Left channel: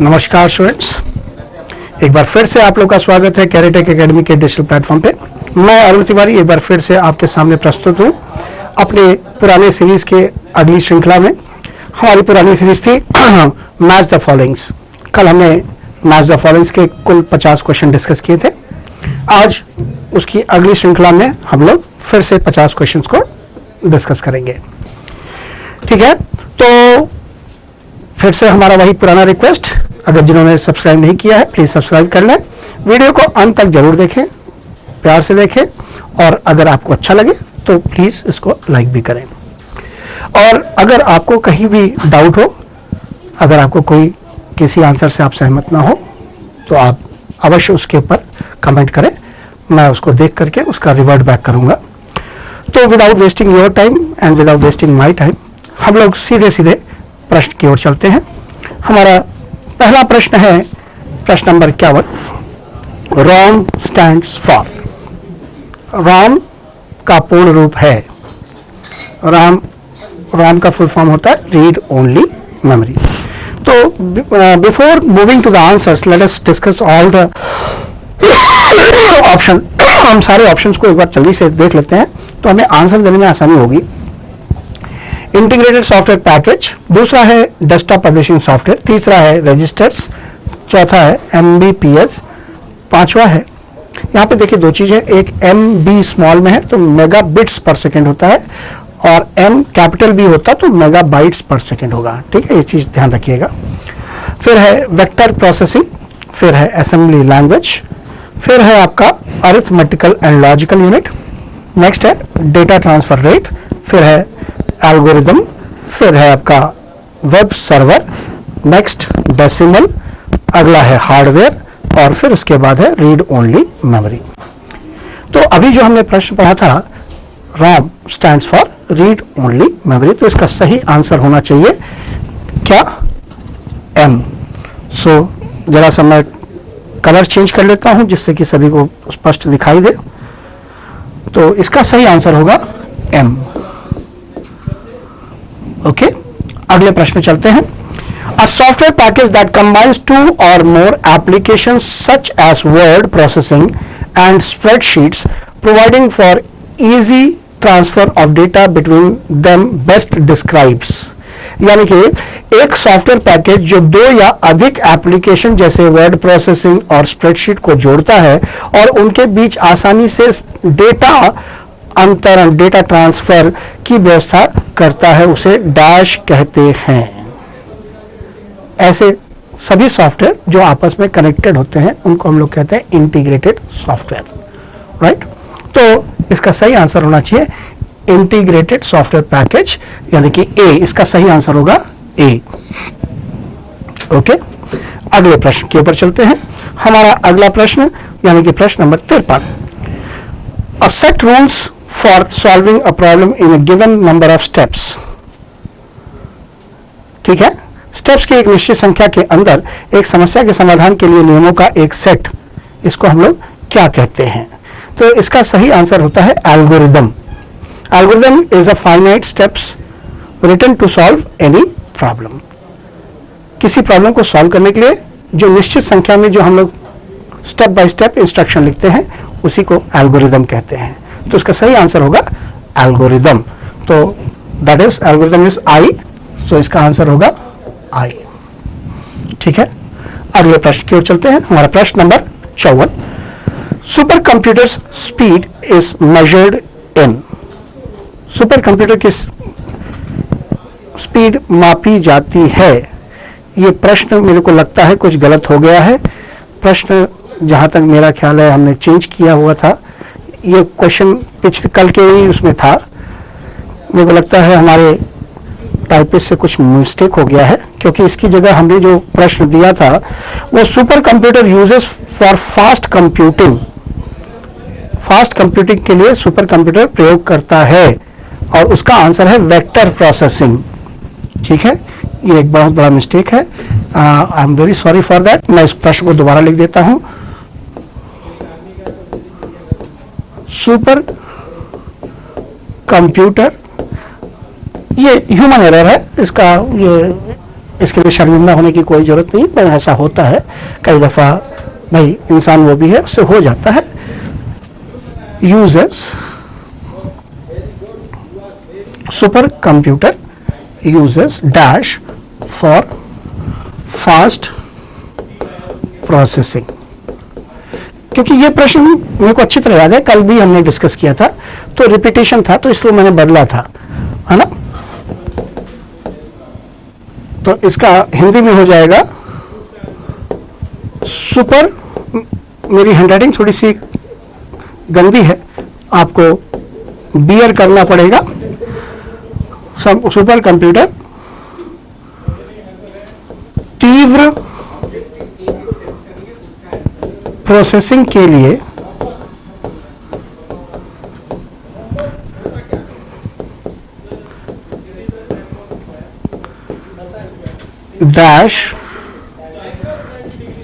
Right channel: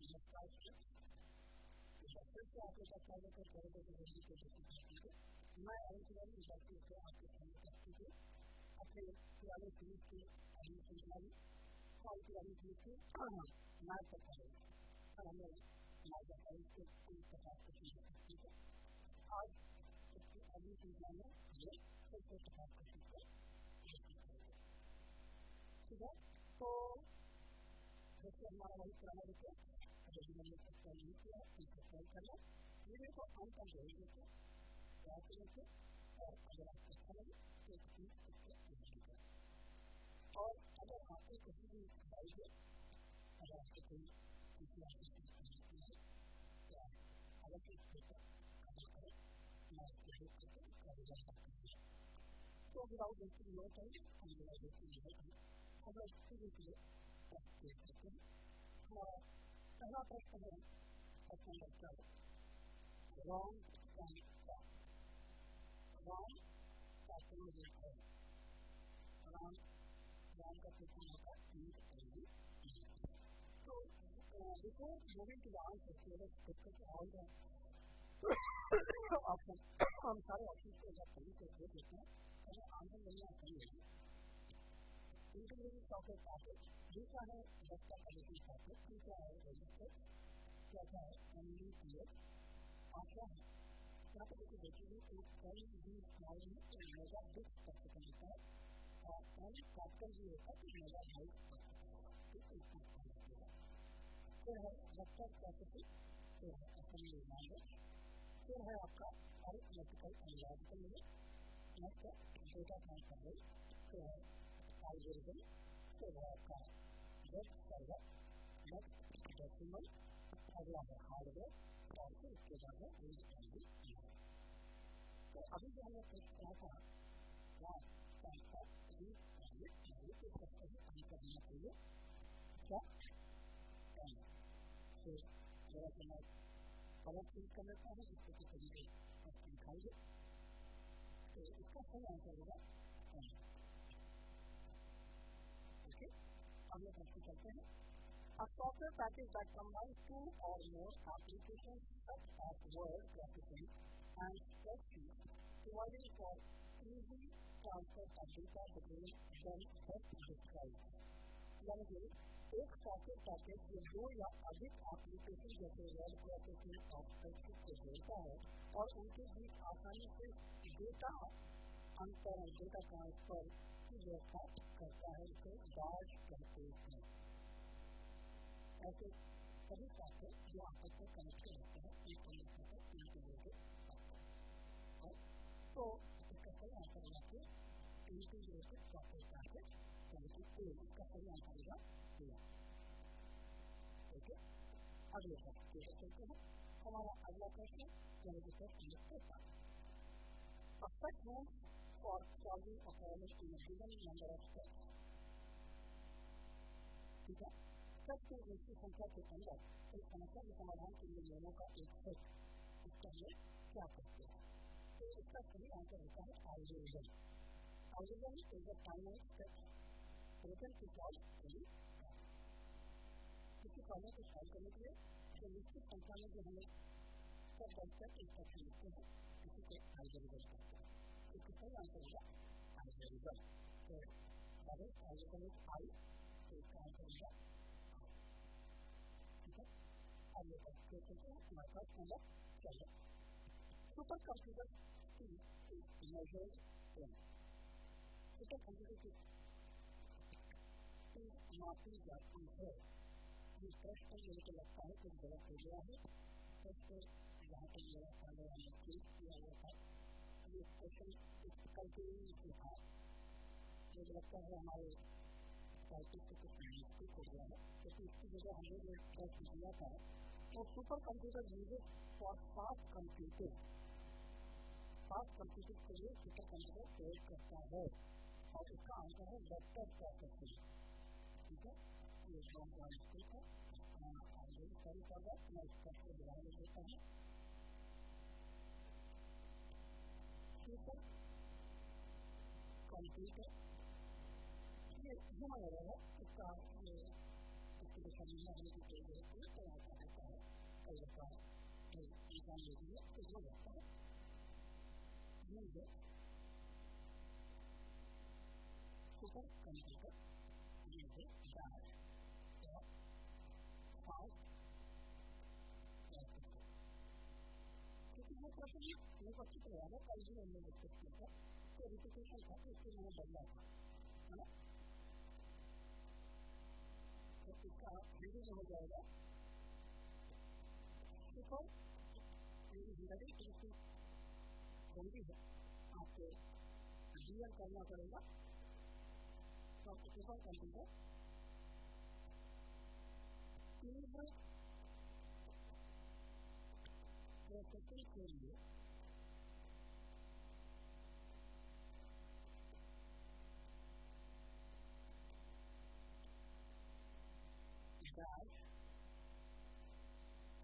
नमस्कार स्टूडेंट्स, एक बार फिर से आप लोग का स्वागत है कैरेटेक एकेडमी के डिजिटल प्लेटफॉर्म पे। मैं अरुण तिवारी एक बार फिर से आपके सामने प्रस्तुत हूँ अपने पुराने सीरीज के अगली श्रृंखला में। हमारी पुरानी सीरीज थी मैच द फॉलोइंग्स। कल हमने मैच द फॉलोइंग्स के कुल 50 क्वेश्चन डिस्कस किए थे। आज उसकी अगली श्रृंखला में हम लोग फिर से 50 क्वेश्चंस को डिस्कस करेंगे। ठीक है, तो फिर से हमारा वही पुराना रिक्वेस्ट, अगर जिन्होंने सब्सक्राइब नहीं किया है प्लीज सब्सक्राइब कर लें। वीडियो को अंत तक जरूर देखें, प्यार से देखें, और अगर आपको अच्छा लगे तो प्लीज इसको लाइक भी करें। और अगर आपको कहीं भी डाउट हो, अगर आपको कोई किसी आंसर से आप सहमत ना हो, तो आप अवश्य उसके ऊपर कमेंट करें, मैं उसको देख करके उसका रिवर्ट बैक करूंगा। तो without wasting your time and without wasting my time हम लोग सीधे सीधे प्रश्न की ओर चलते हैं। हमारा पहला प्रश्न है प्रश्न number 51। ROM stands for. ROM का पूर्ण रूप है, रॉम का फुल फॉर्म होता है रीड ओनली मेमोरी। तो before moving to the answers let us discuss all the option. हम सारे ऑप्शंस को एक बार जल्दी से देख लेते हैं तो हमें आंसर देने में आसानी होगी। इंटीग्रेटेड सॉफ्टवेयर पैकेज, दूसरा है डेस्कटॉप पब्लिशिंग सॉफ्टवेयर, तीसरा है रजिस्टर्स, चौथा है MBPS, पांचवा है, यहाँ पे देखिए दो चीज़ है, एक MB स्मॉल में है तो मेगा बिट्स पर सेकेंड होता है, और M कैपिटल B होता तो मेगा बाइट्स पर सेकेंड होगा। ठीक है, ये चीज़ ध्यान रखिएगा। फिर है वेक्टर प्रोसेसिंग, फिर है असेंबली लैंग्वेज, फिर है आपका arithmetical and logical unit, next है डेटा ट्रांसफर रेट, फिर है एल्गोरिदम, फिर है आपका वेब सर्वर, नेक्स्ट डेसिमल, अगला है हार्डवेयर, और फिर उसके बाद है रीड ओनली मेमोरी। तो अभी जो हमने प्रश्न पढ़ा था ROM stands for read only memory, तो इसका सही आंसर होना चाहिए क्या? M। सो जरा सा मैं कलर चेंज कर लेता हूं जिससे कि सभी को स्पष्ट दिखाई दे। तो इसका सही आंसर होगा M। ओके, अगले प्रश्न में चलते हैं। A software package that combines two or more applications such as word processing and spreadsheets, providing for easy transfer of data between them best describes। यानी कि एक सॉफ्टवेयर पैकेज जो दो या अधिक एप्लीकेशन जैसे वर्ड प्रोसेसिंग और स्प्रेडशीट को जोड़ता है और उनके बीच आसानी से डेटा अंतरण, डेटा ट्रांसफर की व्यवस्था करता है, उसे डैश कहते हैं। ऐसे सभी सॉफ्टवेयर जो आपस में कनेक्टेड होते हैं उनको हम लोग कहते हैं इंटीग्रेटेड सॉफ्टवेयर, राइट। तो इसका सही आंसर होना चाहिए इंटीग्रेटेड सॉफ्टवेयर पैकेज, यानी कि ए। इसका सही आंसर होगा ए। ओके, अगले प्रश्न के ऊपर चलते हैं। हमारा अगला प्रश्न यानी कि प्रश्न number 53। A set rules for solving a problem in a given number of steps। ठीक है, स्टेप्स की एक निश्चित संख्या के अंदर एक समस्या के समाधान के लिए नियमों का एक सेट, इसको हम लोग क्या कहते हैं? तो इसका सही आंसर होता है algorithm. Algorithm is a finite steps written to solve any problem. किसी प्रॉब्लम को सॉल्व करने के लिए जो निश्चित संख्या में जो हम लोग स्टेप बाय स्टेप इंस्ट्रक्शन लिखते हैं उसी को एल्गोरिदम कहते हैं। तो इसका सही आंसर होगा एल्गोरिदम। तो that is algorithm is I, तो इसका आंसर होगा आई। ठीक है, अगले प्रश्न की ओर चलते हैं। हमारा प्रश्न number 54। Super computers speed is measured in. Super computer की स्पीड मापी जाती है। ये प्रश्न मेरे को लगता है कुछ गलत हो गया है। प्रश्न जहाँ तक मेरा ख्याल है हमने चेंज किया हुआ था। ये क्वेश्चन कल के ही उसमें था। मेरे को लगता है हमारे टाइपिस्ट से कुछ मिस्टेक हो गया है, क्योंकि इसकी जगह हमने जो प्रश्न दिया था वो super computer uses for fast computing. Fast computing के लिए सुपर कंप्यूटर प्रयोग करता है और उसका आंसर है वेक्टर प्रोसेसिंग। ठीक है, ये एक बहुत बड़ा मिस्टेक है। I am very sorry for that. मैं इस प्रश्न को दोबारा लिख देता हूं। सुपर कंप्यूटर, ये ह्यूमन एरर है, इसका ये इसके लिए शर्मिंदा होने की कोई ज़रूरत नहीं, पर ऐसा होता है कई दफ़ा, भाई इंसान वो भी है, उससे हो जाता है। Uses super computer uses dash for fast processing. क्योंकि ये प्रश्न मेरे को अच्छी तरह याद है, कल भी हमने डिस्कस किया था, तो रिपीटेशन था, तो इसलिए मैंने बदला था, है ना। तो इसका हिंदी में हो जाएगा सुपर, मेरी हैंडराइटिंग थोड़ी सी गंदी है, आपको बियर करना पड़ेगा। सुपर कंप्यूटर तीव्र प्रोसेसिंग के लिए डैश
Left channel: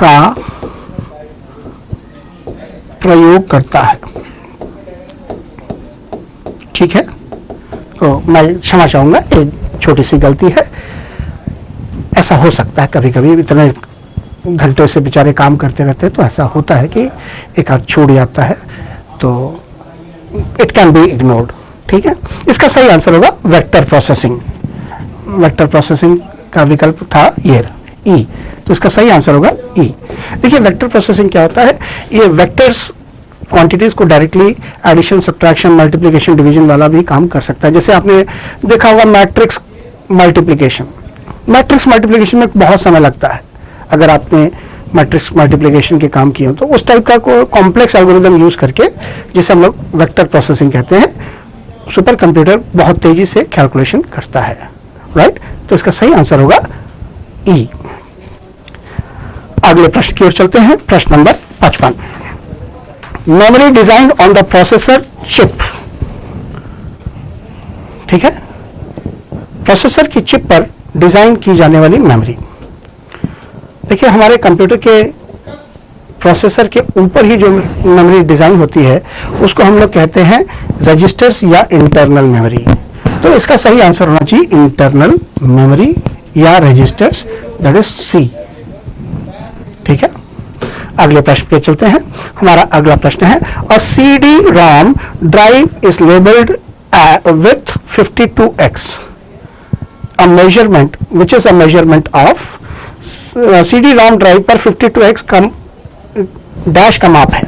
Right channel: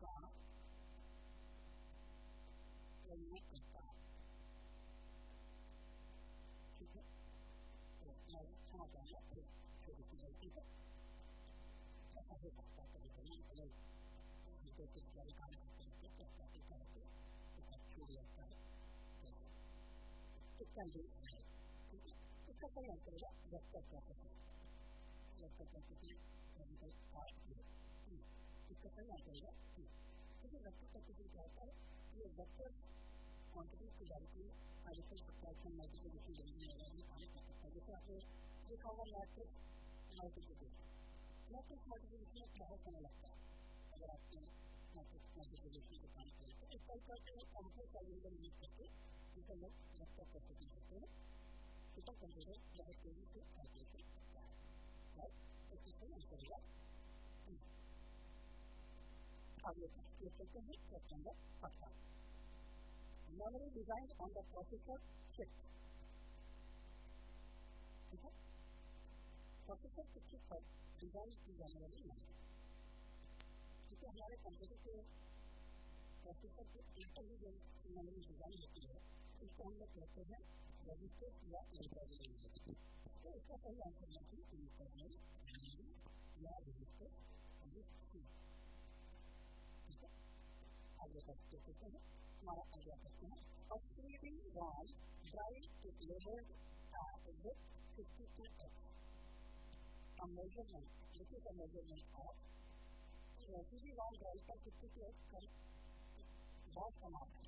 का प्रयोग करता है। ठीक है, तो मैं क्षमा चाहूंगा, एक छोटी सी गलती है, ऐसा हो सकता है कभी कभी, इतने घंटों से बेचारे काम करते रहते हैं, तो ऐसा होता है कि एक आध छूट जाता है, तो इट कैन बी इग्नोर्ड। ठीक है, इसका सही आंसर होगा वेक्टर प्रोसेसिंग। वेक्टर प्रोसेसिंग का विकल्प था ये ई, तो इसका सही आंसर होगा ई। देखिए वेक्टर प्रोसेसिंग क्या होता है, ये वेक्टर्स क्वांटिटीज को directly addition, subtraction, multiplication, division वाला भी काम कर सकता है। जैसे आपने देखा होगा मैट्रिक्स मल्टीप्लिकेशन, मैट्रिक्स मल्टीप्लिकेशन में बहुत समय लगता है, अगर आपने मैट्रिक्स मल्टीप्लिकेशन के काम किए हो, तो उस टाइप का कोई कॉम्प्लेक्स एल्गोरिथम यूज करके, जिसे हम लोग वेक्टर प्रोसेसिंग कहते हैं, सुपर कंप्यूटर बहुत तेजी से कैलकुलेशन करता है। राइट, तो इसका सही आंसर होगा ई। अगले प्रश्न की ओर चलते हैं, प्रश्न number 55। Memory design on the processor chip. ठीक है, प्रोसेसर की चिप पर डिजाइन की जाने वाली मेमोरी। देखिए हमारे कंप्यूटर के प्रोसेसर के ऊपर ही जो मेमोरी डिजाइन होती है, उसको हम लोग कहते हैं रजिस्टर्स या इंटरनल मेमोरी। तो इसका सही आंसर होना चाहिए इंटरनल मेमोरी या रजिस्टर्स, दैट इज सी। ठीक है, अगले प्रश्न पे चलते हैं। हमारा अगला प्रश्न है, अ CD ROM drive is labelled with 52x, a measurement which is a measurement of CD ROM drive पर 52x कम डैश का माप है।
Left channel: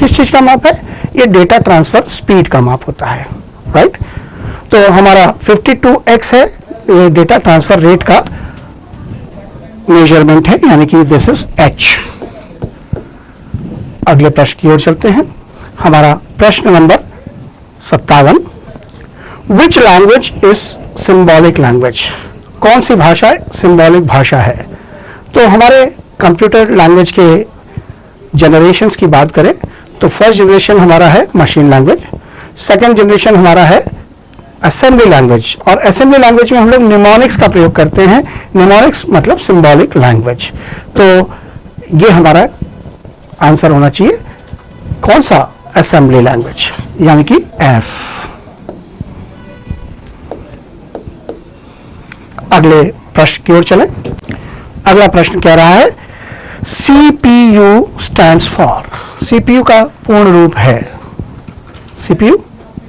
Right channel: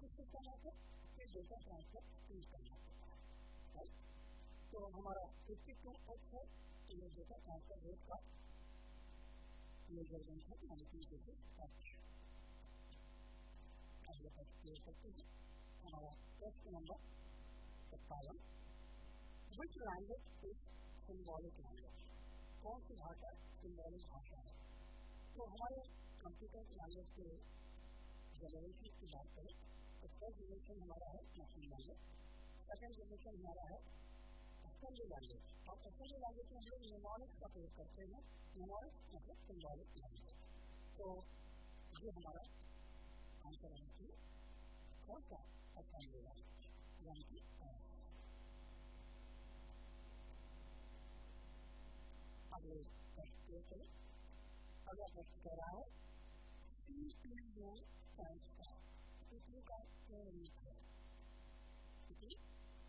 किस चीज का माप है? ये डेटा ट्रांसफर स्पीड का माप होता है। राइट, तो हमारा 52x है, ये डेटा ट्रांसफर रेट का मेजरमेंट है, यानी कि दिस इज h। अगले प्रश्न की ओर चलते हैं। हमारा प्रश्न number 57, which language is symbolic language? कौन सी भाषा सिंबॉलिक भाषा है? तो हमारे कंप्यूटर लैंग्वेज के जनरेशंस की बात करें तो फर्स्ट जनरेशन हमारा है मशीन लैंग्वेज, सेकंड जनरेशन हमारा है असेंबली लैंग्वेज, और असेंबली लैंग्वेज में हम लोग निमोनिक्स का प्रयोग करते हैं। निमोनिक्स मतलब सिंबॉलिक लैंग्वेज। तो ये हमारा आंसर होना चाहिए कौन सा? असेंबली लैंग्वेज, यानी कि एफ। अगले प्रश्न की ओर चलें। अगला प्रश्न कह रहा है, CPU स्टैंड्स फॉर। CPU का पूर्ण रूप है, CPU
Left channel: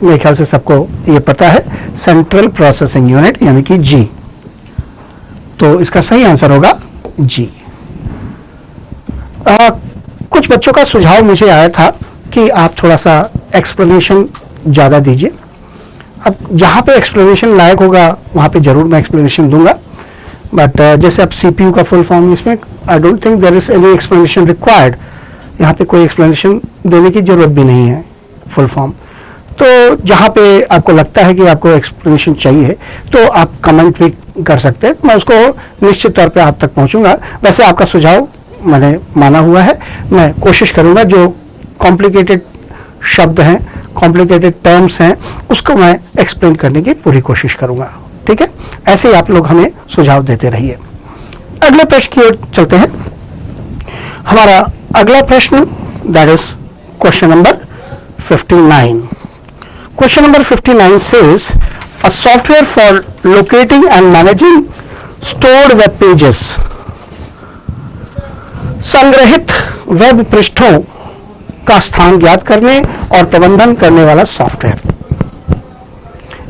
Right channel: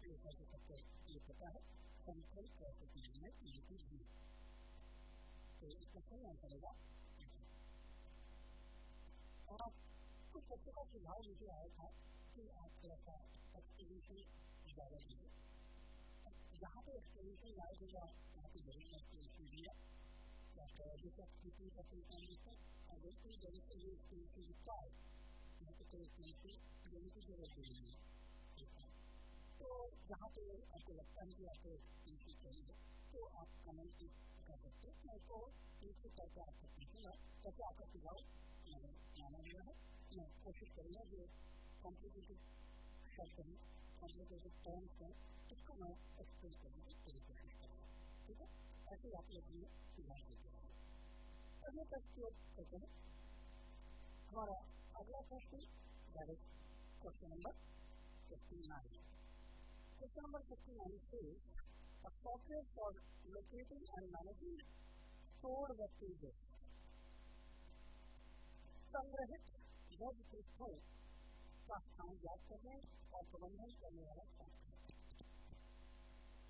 मेरे ख्याल से सबको ये पता है, सेंट्रल प्रोसेसिंग यूनिट, यानी कि जी। तो इसका सही आंसर होगा जी। कुछ बच्चों का सुझाव मुझे आया था कि आप थोड़ा सा एक्सप्लेनेशन ज़्यादा दीजिए। अब जहाँ पे एक्सप्लेनेशन लायक होगा वहाँ पे ज़रूर मैं एक्सप्लेनेशन दूंगा, बट जैसे अब CPU का फुल फॉर्म, इसमें I don't think there is any explanation required. यहाँ पे कोई एक्सप्लेनेशन देने की ज़रूरत भी नहीं है फुल फॉर्म। तो जहाँ पे आपको लगता है कि आपको एक्सप्लेनेशन चाहिए तो आप कमेंट भी कर सकते हैं, मैं उसको निश्चित तौर पे आप तक पहुँचूंगा। वैसे आपका सुझाव मैंने माना हुआ है, मैं कोशिश करूँगा जो कॉम्प्लिकेटेड शब्द हैं, कॉम्प्लिकेटेड टर्म्स हैं, उसको मैं एक्सप्लेन करने की पूरी कोशिश करूँगा। ठीक है, ऐसे ही आप लोग हमें सुझाव देते रहिए। अगले प्रश्न की ओर चलते हैं। हमारा अगला प्रश्न that is question number 59। Question number 59 says, a software for locating and managing stored web pages, संग्रहित वेब पृष्ठों का स्थान ज्ञात करने और प्रबंधन करने वाला सॉफ्टवेयर।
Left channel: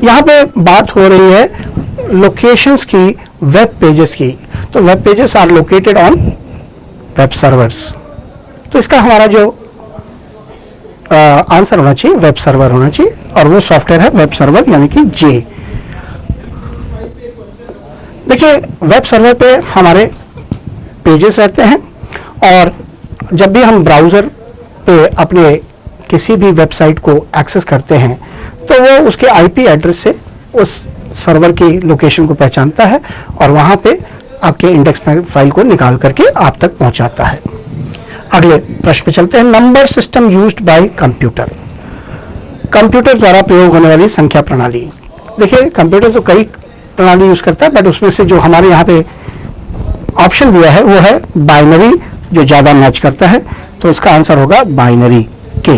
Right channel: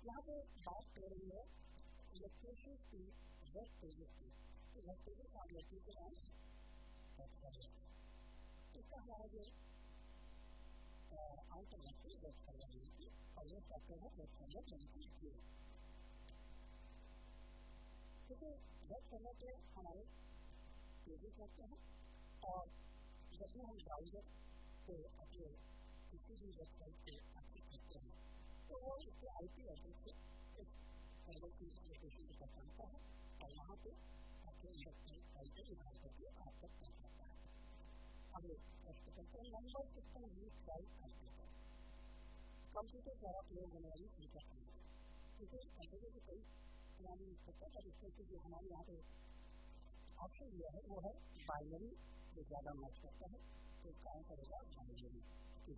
यहां पे बात हो रही है लोकेशंस की, वेब पेजेस की। तो web pages are located on web servers. तो इसका हमारा जो आंसर होना चाहिए वेब सर्वर होना चाहिए, और वो सॉफ्टवेयर है वेब सर्वर यानी कि जे। देखिए वेब सर्वर पे हमारे पेजेस रहते हैं, और जब भी हम ब्राउज़र पे अपने किसी भी वेबसाइट को एक्सेस करते हैं तो वो उसके आईपी एड्रेस से उस सर्वर की लोकेशन को पहचानता है और वहाँ पे आपके इंडेक्स फाइल को निकाल करके आप तक पहुँचाता है। अगले प्रश्न पे चलते हैं। Number system used by computer, computer द्वारा प्रयोग होने वाली संख्या प्रणाली। देखिए कंप्यूटर तो कई प्रणाली यूज करता है, बट उसमें से जो हमारे यहाँ पे ऑप्शन दिया है वो है बाइनरी, जो ज्यादा मैच करता है। तो इसका आंसर होगा बाइनरी के।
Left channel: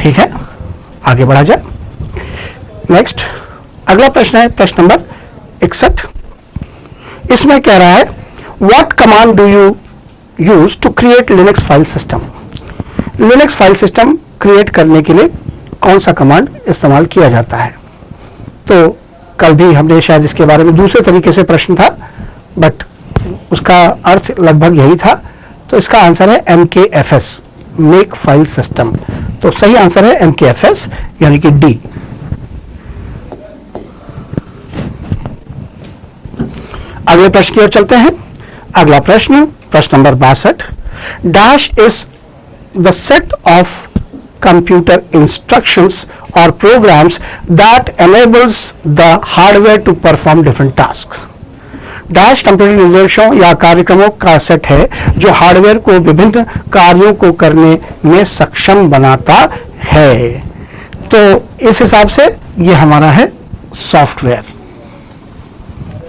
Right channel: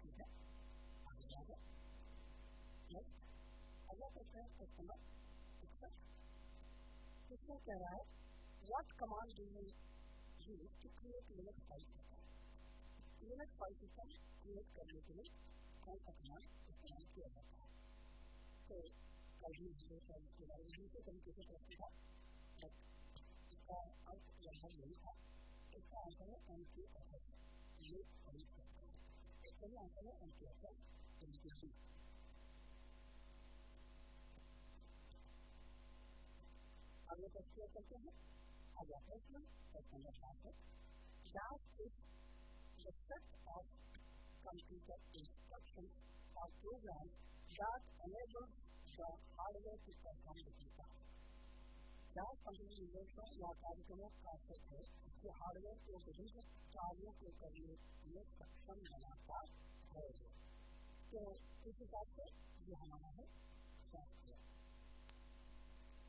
ठीक है, आगे बढ़ा जाए। नेक्स्ट अगला प्रश्न है प्रश्न नंबर 61। इसमें कह रहा है what command do you use to create Linux file system. Linux file system create करने के लिए कौन सा कमांड इस्तेमाल किया जाता है। तो कल भी हमने शायद इसके बारे में दूसरे तरीके से प्रश्न था, बट उसका अर्थ लगभग यही था। तो इसका आंसर है MKFS, मेक फाइल सिस्टम। तो सही आंसर है MKFS यानी कि डी। अगले प्रश्न की ओर चलते हैं। अगला प्रश्न प्रश्न number 62। Dash is the set of computer instructions or programs that enables the hardware to perform different tasks। Dash computer निर्देशों या कार्यक्रमों का सेट है जो हार्डवेयर को विभिन्न कार्यों को करने में सक्षम बनाता है। तो इस हिसाब से ये हमारा है सॉफ्टवेयर।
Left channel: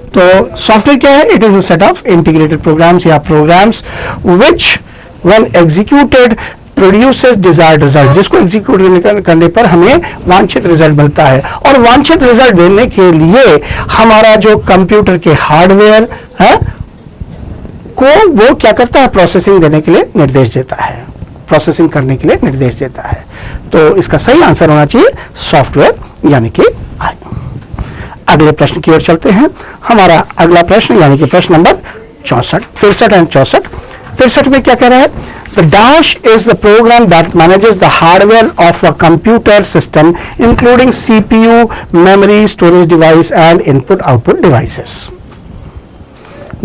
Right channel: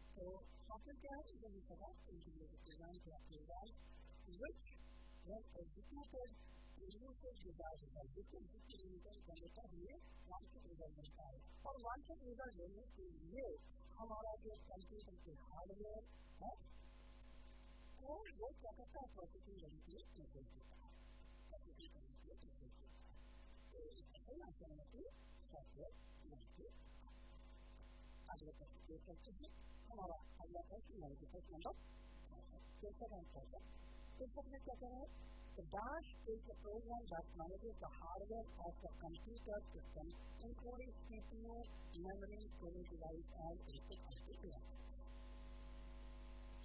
तो सॉफ्टवेयर क्या है? It is a set of integrated programs या programs which when executed produces desired result, जिसको एग्जीक्यूट करने पर हमें वांछित रिजल्ट मिलता है। और वांछित रिजल्ट देने के लिए हमारा जो कंप्यूटर के हार्डवेयर है को वो क्या करता है? प्रोसेसिंग देने के लिए निर्देश देता है, प्रोसेसिंग करने के लिए निर्देश देता है। तो इसका सही आंसर होना चाहिए सॉफ्टवेयर यानी कि आई। अगले प्रश्न की ओर चलते हैं। हमारा अगला प्रश्न यानी कि प्रश्न नंबर 64, 63 एंड 64। 63 में क्या कह रहा है? The dash is the program that manages the hardware of a computer system, including CPU, memory, storage device, and input-output devices.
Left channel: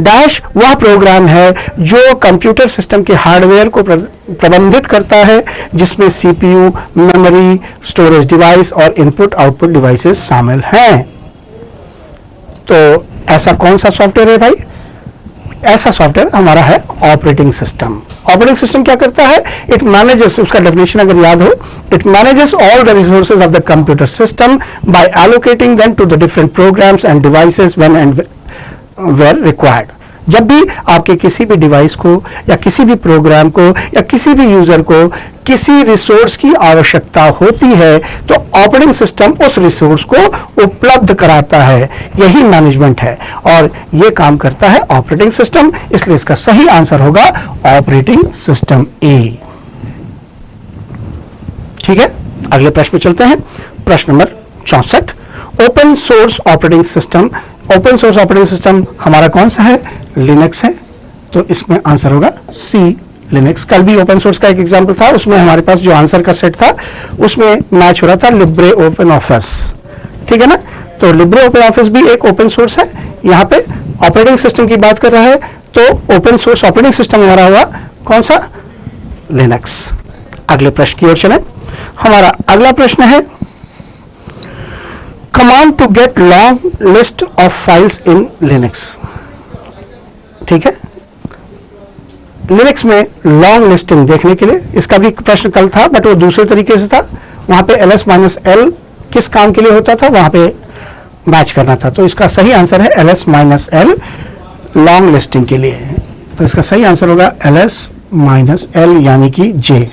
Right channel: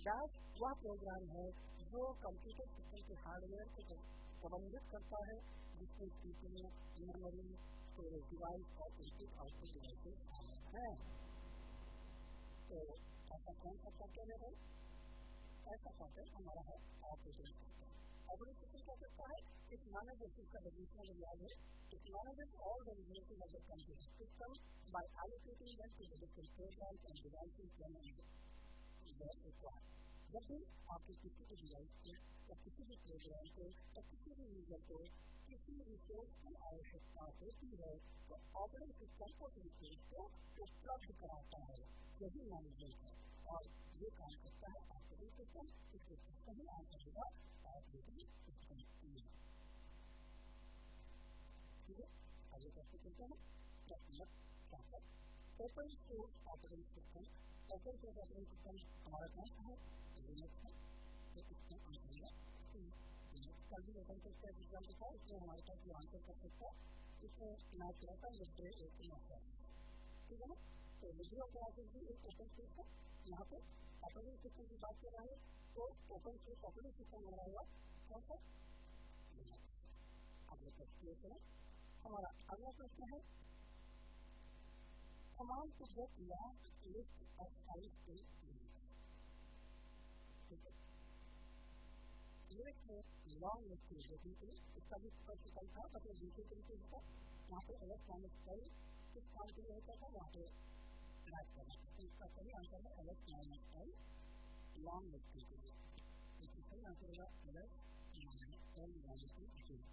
Dash वह प्रोग्राम है जो कंप्यूटर सिस्टम के हार्डवेयर को प्रबंधित करता है, जिसमें CPU, मेमोरी, स्टोरेज डिवाइस और इनपुट आउटपुट डिवाइसेस शामिल हैं। तो ऐसा कौन सा सॉफ्टवेयर है भाई? ऐसा सॉफ्टवेयर हमारा है ऑपरेटिंग सिस्टम। ऑपरेटिंग सिस्टम क्या करता है? इट मैनेजेस, उसका डेफिनेशन अगर याद हो, it manages all the resources of the computer system by allocating them to the different programs and devices when and where required. जब भी आपके किसी भी डिवाइस को या किसी भी प्रोग्राम को या किसी भी यूजर को किसी रिसोर्स की आवश्यकता होती है तो ऑपरेटिंग सिस्टम उस रिसोर्स को उपलब्ध कराता है। यही मैनेजमेंट है और ये काम करता है ऑपरेटिंग सिस्टम, इसलिए इसका सही आंसर होगा ऑपरेटिंग सिस्टम ए। ठीक है, अगले प्रश्न पे चलते हैं। प्रश्न number 64। Open source operating system. Open source operating system हमारा कौन सा है? लिनक्स है। तो इसमें आंसर होगा सी, लिनक्स। कल भी ओपन सोर्स का एक एग्जांपल था, उसमें हमारे पास जो आंसर का सेट था उसमें मैच हो रहा था लिब्रे ओपन ऑफिस। ठीक है ना? तो लिब्रे ओपन ऑफिस भी एक ओपन सोर्स है। यहाँ पे ऑपरेटिंग सिस्टम की बात कर रहा है तो ओपन सोर्स ऑपरेटिंग सिस्टम हमारा हुआ कौन सा? लिनक्स। अगले प्रश्न की ओर चलें। हमारा अगला प्रश्न है command to get long list of files in Linux. ठीक है, लिनक्स में लॉन्ग लिस्टिंग देखने के लिए, इसका भी प्रश्न कल था बट वो दूसरे तरीके से था। वहां पे ls-l किस काम के लिए होता था, वहां पे मैच करना था। तो इसका सही आंसर है ls-l, लॉन्ग लिस्टिंग के लिए। तो इसका सही आंसर होगा ls-l यानी कि जे।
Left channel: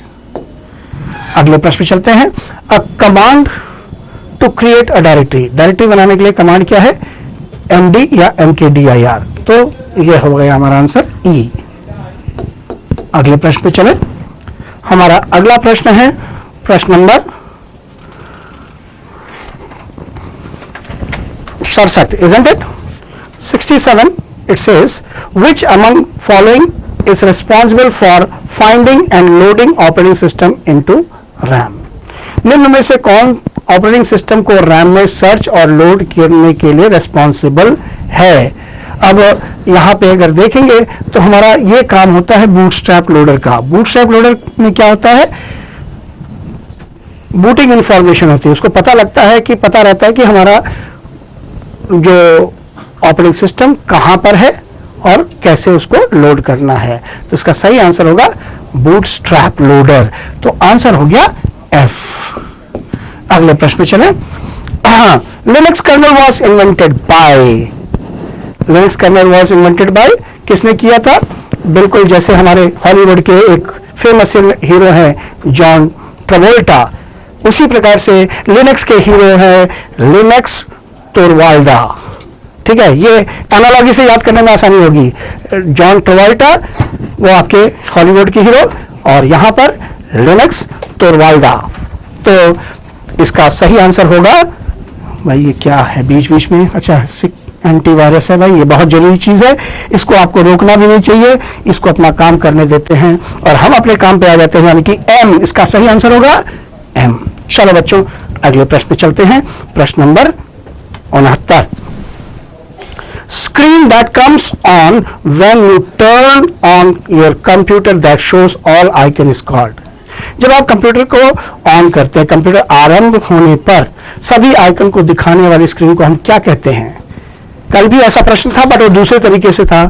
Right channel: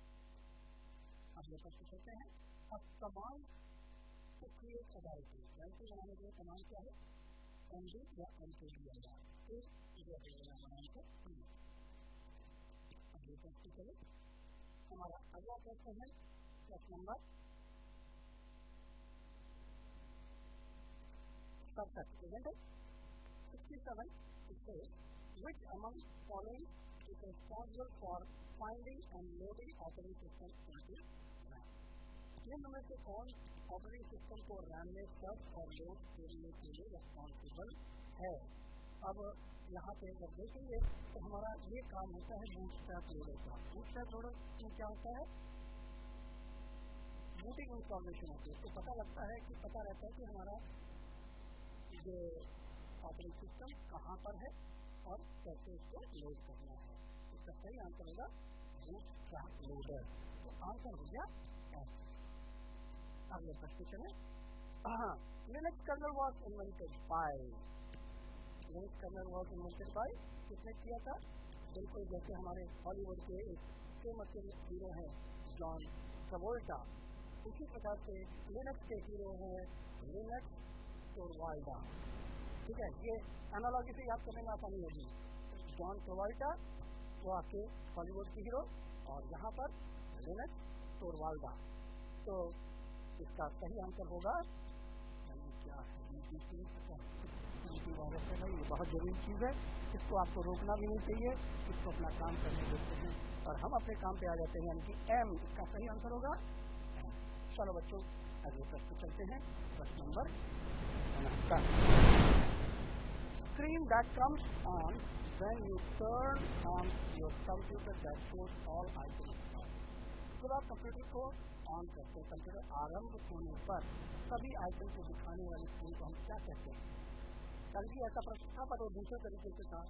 अगले प्रश्न पे चलते हैं। A command to create a directory. Directory बनाने के लिए कमांड क्या है? MD या MKDIR। तो ये हो गया हमारा आंसर ई। अगले प्रश्न पे चले। हमारा अगला प्रश्न है प्रश्न number 67, isn't it? 67, it says, which among following is responsible for finding and loading operating system into RAM? निम्न में से कौन ऑपरेटिंग सिस्टम को रैम में सर्च और लोड करने के लिए रिस्पॉन्सिबल है? अब यहाँ पे अगर देखेंगे तो हमारा ये काम होता है बूटस्ट्रैप लोडर का। बूटस्ट्रैप लोडर में क्या होता है, बूटिंग इंफॉर्मेशन होती है, उसको पता लगता है कि पता रहता है कि हमारा जो ऑपरेटिंग सिस्टम कहाँ पर है और कैसे उसको लोड करना है। तो इसका सही आंसर होगा बूटस्ट्रैप लोडर। तो आंसर हो गया एफ। अगले प्रश्न पे चले। Linux kernel was invented by, Linux kernel was invented by किसने किया था? बिल्कुल जैसे हमारे हॉलीवुड के एक फेमस हीरो हैं जॉन ट्रेवोल्टा, उसी प्रकार से लिनक्स के हीरो हैं लिनक्स टोरवाल्डा। ठीक है, ये एनालॉजी से याद करने में आसानी होगी। जॉन ट्रेवोल्टा वो आपके हॉलीवुड के हीरो और यहाँ पर लिनक्स टोरवाल्डा। तो इसका सही आंसर होगा भाई, ये क्या है बीच बीच में, अच्छा एंटीवायरस है भाई, ये बहुत जरूरी चीज है, इसको आपको रोकना भी नहीं चाहिए, इसको अपना काम करने देते हैं और हम अपने काम पे आ जाते हैं, यानी कि एम इसका सही आंसर होगा एम। चलो बच्चों अगले प्रश्न पे चलते हैं। प्रश्न number 69, screen that comes on when you turn on your computer that shows all icon is called। जब आप कंप्यूटर को ऑन करते हैं, कंप्यूटर आरंभ होने पर सभी आइकन को दिखाने वाली स्क्रीन को हम क्या कहते हैं? कल भी ऐसा प्रश्न था बट वो दूसरे तरीके से था।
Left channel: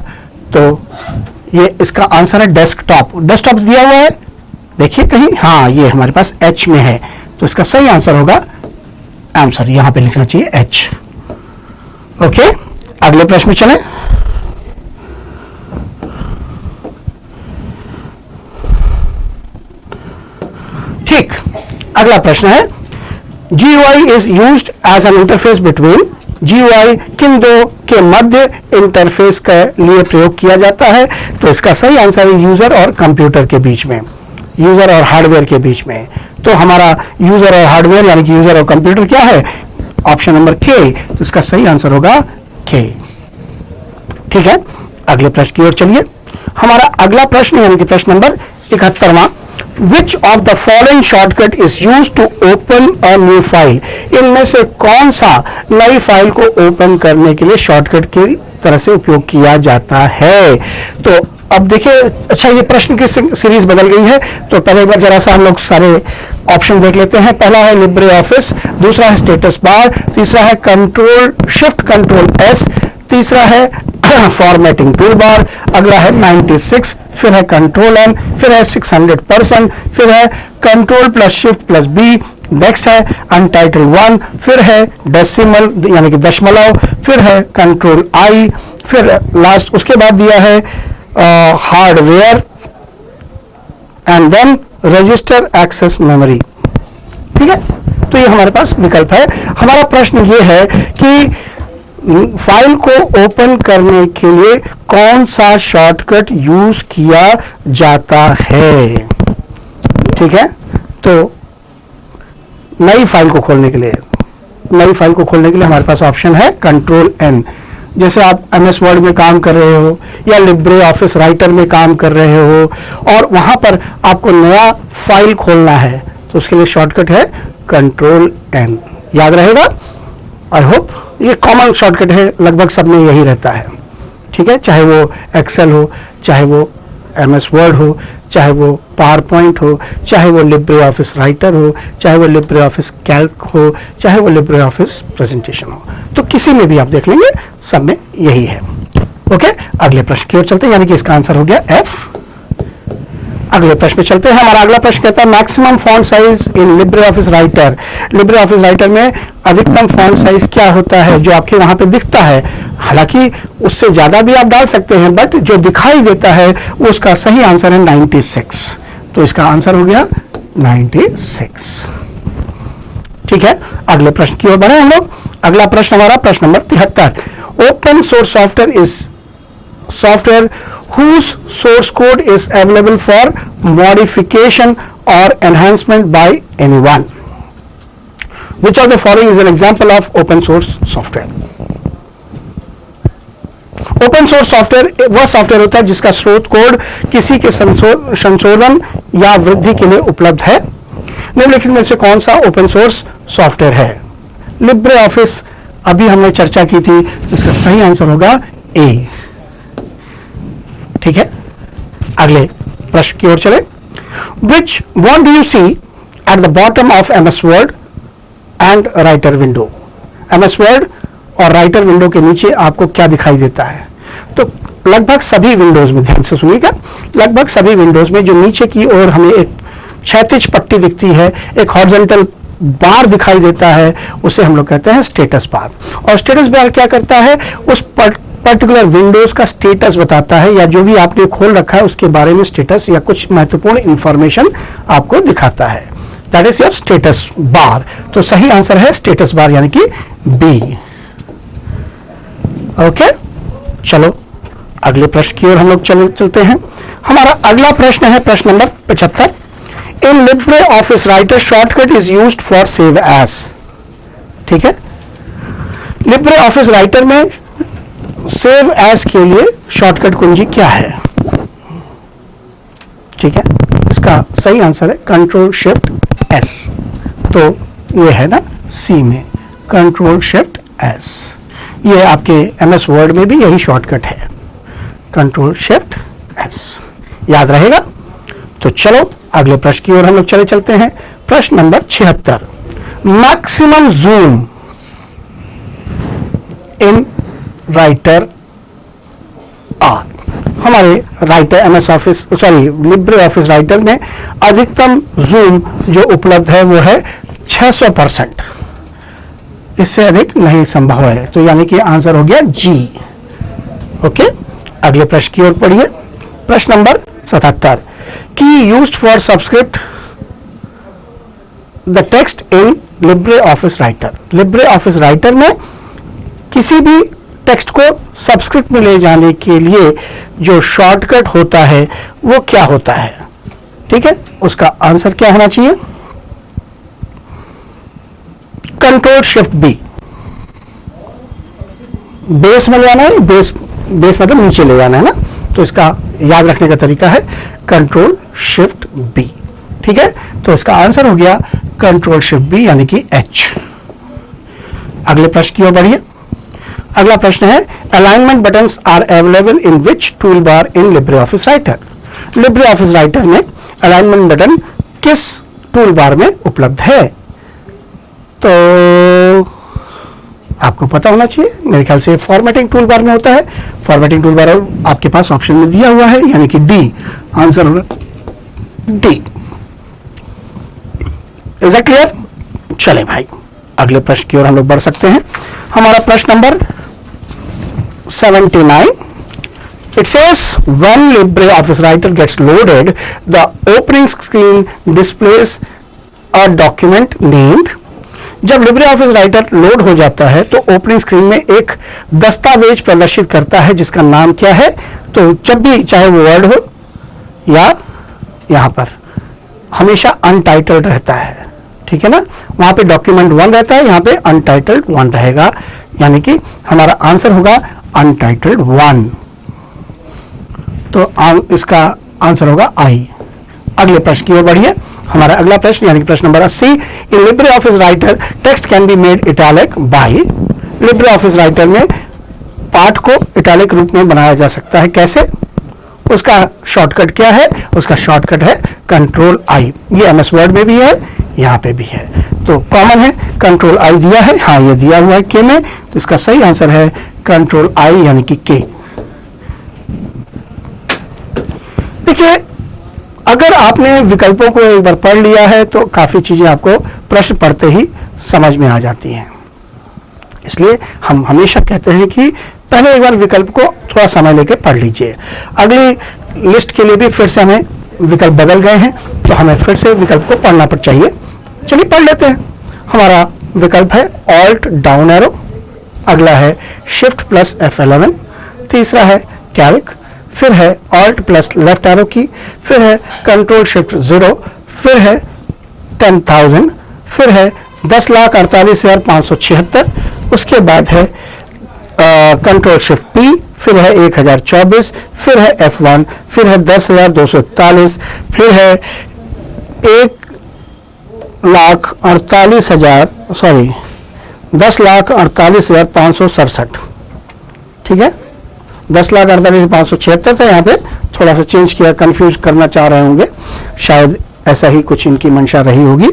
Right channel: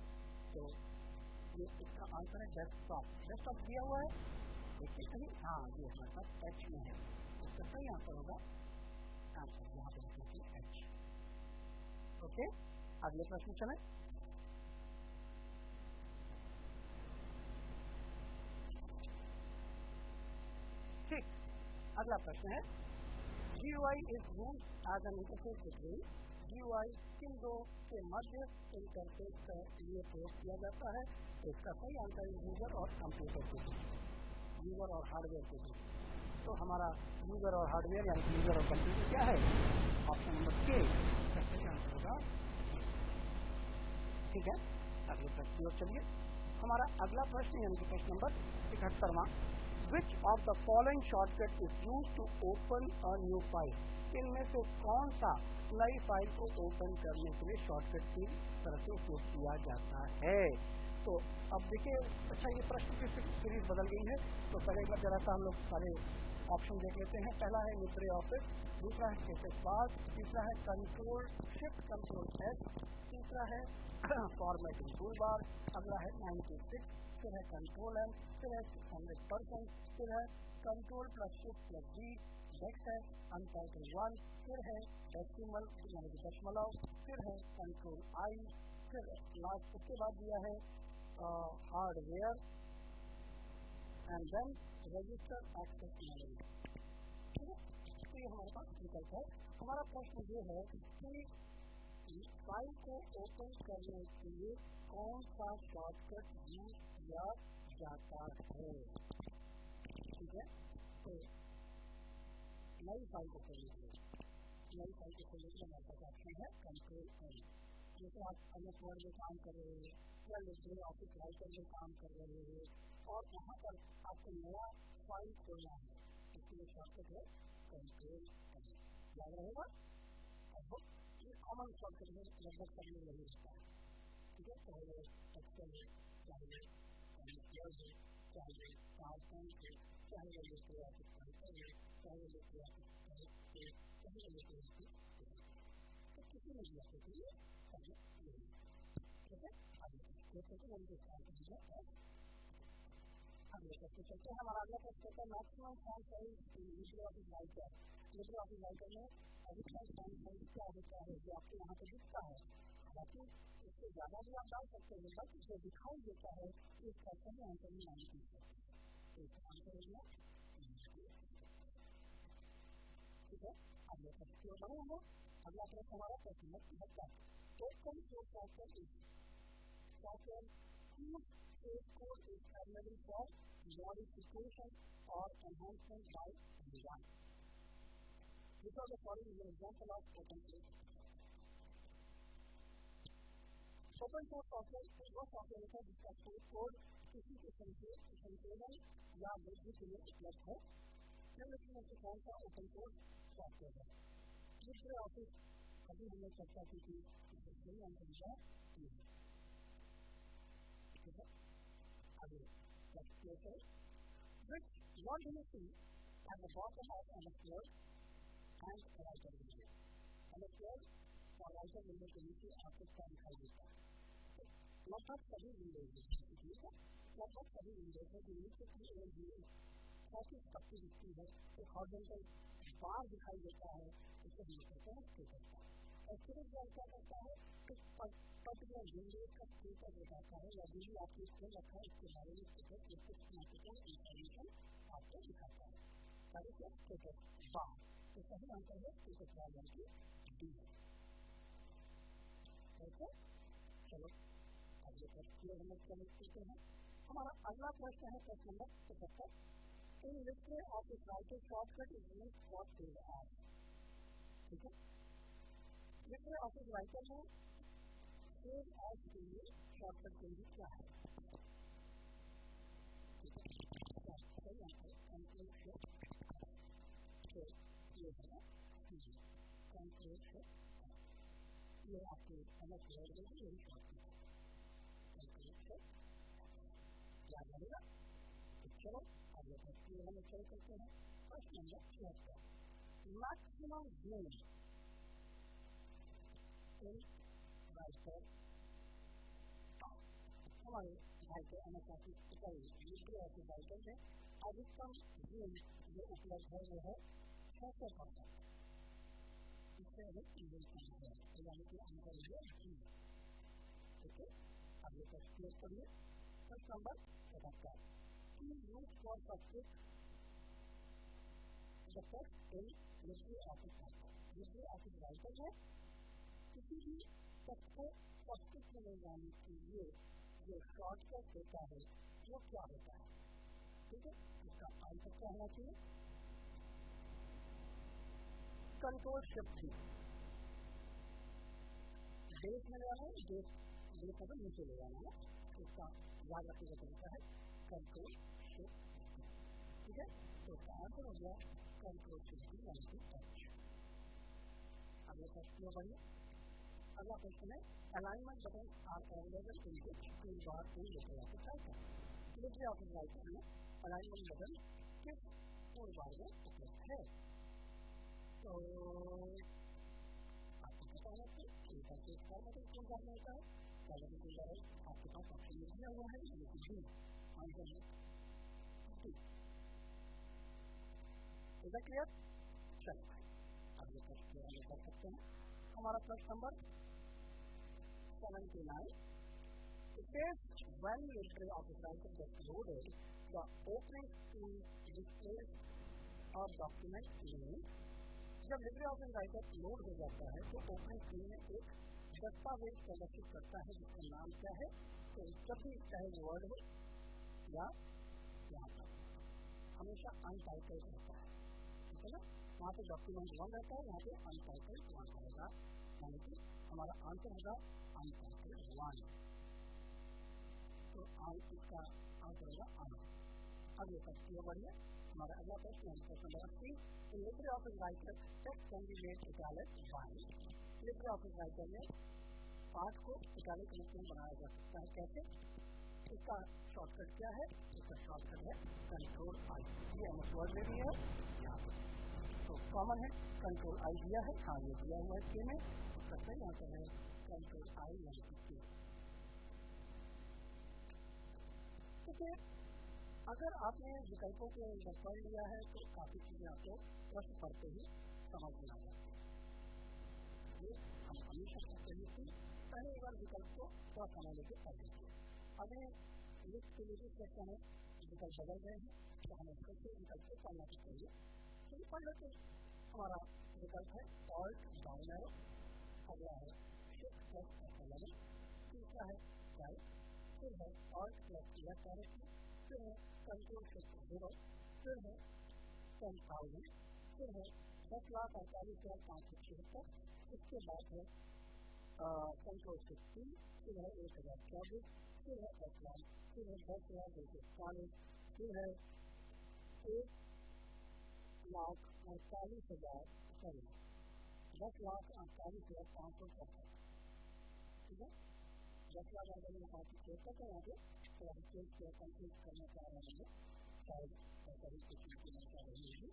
तो ये इसका आंसर है डेस्कटॉप। डेस्कटॉप दिया हुआ है, देखिए कहीं, हाँ ये हमारे पास एच में है, तो इसका सही आंसर होगा, आंसर यहां पे लिखना चाहिए एच। ओके, अगले प्रश्न में चलें। ठीक, अगला प्रश्न है GUI is used as an interface between. GUI किन दो के मध्य इंटरफेस के लिए प्रयोग किया जाता है? तो इसका सही आंसर है यूजर और कंप्यूटर के बीच में, यूजर और हार्डवेयर के बीच में। तो हमारा यूजर और हार्डवेयर यानी कि यूजर और कंप्यूटर क्या है? ऑप्शन नंबर के। तो इसका सही आंसर होगा के। ठीक है, अगले प्रश्न की ओर चलिए। हमारा अगला प्रश्न यानी कि प्रश्न number 71वां, Which of the following shortcut is used to open a new file? इनमें से कौन सा नई फाइल को ओपन करने के लिए शॉर्टकट की तरह से उपयोग किया जाता है? तो अब देखिए, अच्छा ये प्रश्न की सीरीज बदल गई है, तो पहले एक बार जरा सा हम लोग सारे ऑप्शन देख लेते हैं। पहला है लिब्रे ऑफिस, दूसरा है स्टेटस बार, तीसरा है कंट्रोल शिफ्ट कंट्रोल एस, तीसरा है फॉर्मेटिंग टूल बार, अगला है 96, फिर है कंट्रोल एन, फिर है 600%, फिर है control plus shift plus B, next है अनटाइटल्ड 1, फिर है डेसिमल यानी कि दशमलव, फिर है कंट्रोल आई, फिर लास्ट उसके बाद दिया है hardware and then register access memory. ठीक है, तो ये हमारे पास विकल्प है। हमारा प्रश्न ये है कि फाइल को ओपन करने के लिए कौन सा शॉर्टकट यूज किया जाता है? ठीक है, तो नई फाइल को खोलने के लिए, नई फाइल को खोलने के लिए हमारे पास ऑप्शन है कंट्रोल एन। जैसे आप MS वर्ड में काम कर रहे हो या लिब्रे ऑफिस राइटर में काम कर रहे हो और वहां पर आपको नया फाइल खोलना है, तो उसके लिए शॉर्टकट है कंट्रोल एन। याद रहेगा, आई होप। ये कॉमन शॉर्टकट है, लगभग सब में यही रहता है। ठीक है, चाहे वो एक्सेल हो, चाहे वो MS वर्ड हो, चाहे वो पावर पॉइंट हो, चाहे वो लिब्रे ऑफिस राइटर हो, चाहे वो लिब्रे ऑफिस कैल्क हो, चाहे वो लिब्रे ऑफिस प्रेजेंटेशन हो, तो किसी में भी आप देख लेंगे, सब में यही है। ओके, अगले प्रश्न की ओर चलते हैं, यानी कि इसका आंसर हो गया एफ। अगले प्रश्न पे चलते हैं। हमारा अगला प्रश्न कहता है maximum font size in Libre office Writer. Libre office writer में अधिकतम फॉन्ट साइज क्या होता है जो आपके वहां पे दिखता है? हालांकि उससे ज्यादा भी आप डाल सकते हैं, बट जो दिखाई देता है उसका सही आंसर है 96। तो इसका आंसर हो गया 96। ठीक है, अगले प्रश्न की ओर बढ़े हम लोग। अगला प्रश्न हमारा प्रश्न number 73, open source software is software whose source code is available for modification or enhancement by anyone. Which of the following is an example of open source software? Open source software वह software होता है जिसका स्रोत code किसी के संशोधन या वृद्धि के लिए उपलब्ध है। निम्नलिखित में से कौन सा ओपन सोर्स सॉफ्टवेयर है? लिब्रे ऑफिस अभी हमने चर्चा की थी, इसका सही आंसर होगा ए। ठीक है, अगले प्रश्न की ओर चले। Which what do you see at the bottom of MS Word and Writer window? MS Word और राइटर विंडो के नीचे आपको क्या दिखाई देता है? तो लगभग सभी विंडोज में, ध्यान से सुनिएगा, लगभग सभी विंडोज में जो नीचे की ओर हमें एक क्षैतिज पट्टी दिखती है, एक हॉरिजॉन्टल बार दिखाई देता है, उसे हम लोग कहते हैं स्टेटस बार। और स्टेटस बार क्या करता है? उस पर्टिकुलर विंडोज का स्टेटस बताता है, या जो भी आपने खोल रखा है उसके बारे में स्टेटस या कुछ महत्वपूर्ण इंफॉर्मेशन आपको दिखाता है। That is your status bar. तो सही आंसर है स्टेटस बार यानी कि बी। ओके, चलो अगले प्रश्न की ओर हम लोग चलते हैं। हमारा अगला प्रश्न है प्रश्न नंबर 75। In Libre office Writer shortcut is used for save as. ठीक है, लिब्रे ऑफिस राइटर में सेव एज के लिए शॉर्टकट कुंजी क्या है? ठीक है, इसका सही आंसर है कंट्रोल शिफ्ट एस। तो ये है ना सी में कंट्रोल शिफ्ट एस। ये आपके एमएस वर्ड में भी यही शॉर्टकट है, कंट्रोल शिफ्ट एस। याद रहेगा? तो चलो अगले प्रश्न की ओर हम लोग चलते हैं। प्रश्न number 76। Maximum zoom in writer are. हमारे writer MS office Libre office writer में अधिकतम जूम जो उपलब्ध है वो है 600%। इससे अधिक नहीं संभव है, तो यानी कि आंसर हो गया जी। ओके, अगले प्रश्न की ओर पढ़िए। प्रश्न नंबर 77। की used for subscript the text in Libre office Writer. Libre office writer में किसी भी टेक्स्ट को सब्सक्रिप्ट में ले जाने के लिए जो शॉर्टकट होता है वो क्या होता है? ठीक है, उसका आंसर क्या होना चाहिए? Control shift B. बेस में ले जाना है, बेस मतलब नीचे ले जाना है ना, तो इसका याद रखने का तरीका है कंट्रोल शिफ्ट बी। ठीक है, तो इसका आंसर हो गया कंट्रोल शिफ्ट बी यानी कि एच। अगले प्रश्न की ओर बढ़िए। अगला प्रश्न है alignment buttons are available in which toolbar in Libre office Writer. Libre office writer में अलाइनमेंट बटन किस टूल बार में उपलब्ध है? तो आपको पता होना चाहिए, मेरे ख्याल से फॉर्मेटिंग टूल बार में होता है। फॉर्मेटिंग टूल बार आपके पास ऑप्शन में दिया हुआ है, यानी कि डी। आंसर होगा डी। Is it clear? चले भाई अगले प्रश्न की ओर हम लोग बढ़ सकते हैं। हमारा प्रश्न number 79। It says when LibreOffice Writer gets loaded, the opening screen displays a document named। जब LibreOffice Writer लोड हो जाता है तो ओपनिंग स्क्रीन में एक दस्तावेज प्रदर्शित करता है जिसका नाम क्या है? तो जब भी चाहे वो वर्ड हो या यहाँ पर हमेशा अनटाइटल्ड रहता है। ठीक है ना, वहां पे डॉक्यूमेंट 1 रहता है, यहाँ पे अनटाइटल्ड 1 रहेगा, यानी कि हमारा आंसर होगा अनटाइटल्ड 1। तो इसका आंसर होगा आई। अगले प्रश्न की ओर बढ़िए। हमारा अगला प्रश्न यानी कि प्रश्न नंबर 80। In Libre office Writer text can be made italic by. Libre office writer में पाठ को इटैलिक रूप में बनाया जा सकता है, कैसे? उसका शॉर्टकट क्या है? उसका शॉर्टकट है कंट्रोल आई। ये एमएस वर्ड में भी है, यहाँ पे भी है, तो कॉमन है। कंट्रोल आई दिया है, हाँ ये दिया हुआ है के में, तो इसका सही आंसर है कंट्रोल आई यानी कि के। देखिए, अगर आपने विकल्पों को एक बार पढ़ लिया है तो काफी चीजें आपको प्रश्न पढ़ते ही समझ में आ जाती हैं। इसलिए हम हमेशा कहते हैं कि पहले एक बार विकल्प को थोड़ा समय लेकर पढ़ लीजिए। अगली लिस्ट के लिए भी फिर से हमें विकल्प बदल गए हैं, तो हमें फिर से विकल्प को पढ़ना चाहिए। चलिए पढ़ लेते हैं। हमारा विकल्प है ऑल्ट डाउन एरो, अगला है शिफ्ट प्लस F11, तीसरा है कैल्क, फिर है ऑल्ट प्लस लेफ्ट एरो की, फिर है कंट्रोल शिफ्ट 0, फिर है 10,000, फिर है 10,48,576, उसके बाद है कंट्रोल शिफ्ट P, फिर है 1024, फिर है F1, फिर है 10,241, फिर है 10,48,567, ठीक है, 10,48,576 था, यहाँ पे थोड़ा सा चेंज किया, कंफ्यूज करना चाह रहे होंगे, शायद ऐसा ही कुछ इनकी मंशा रही होगी।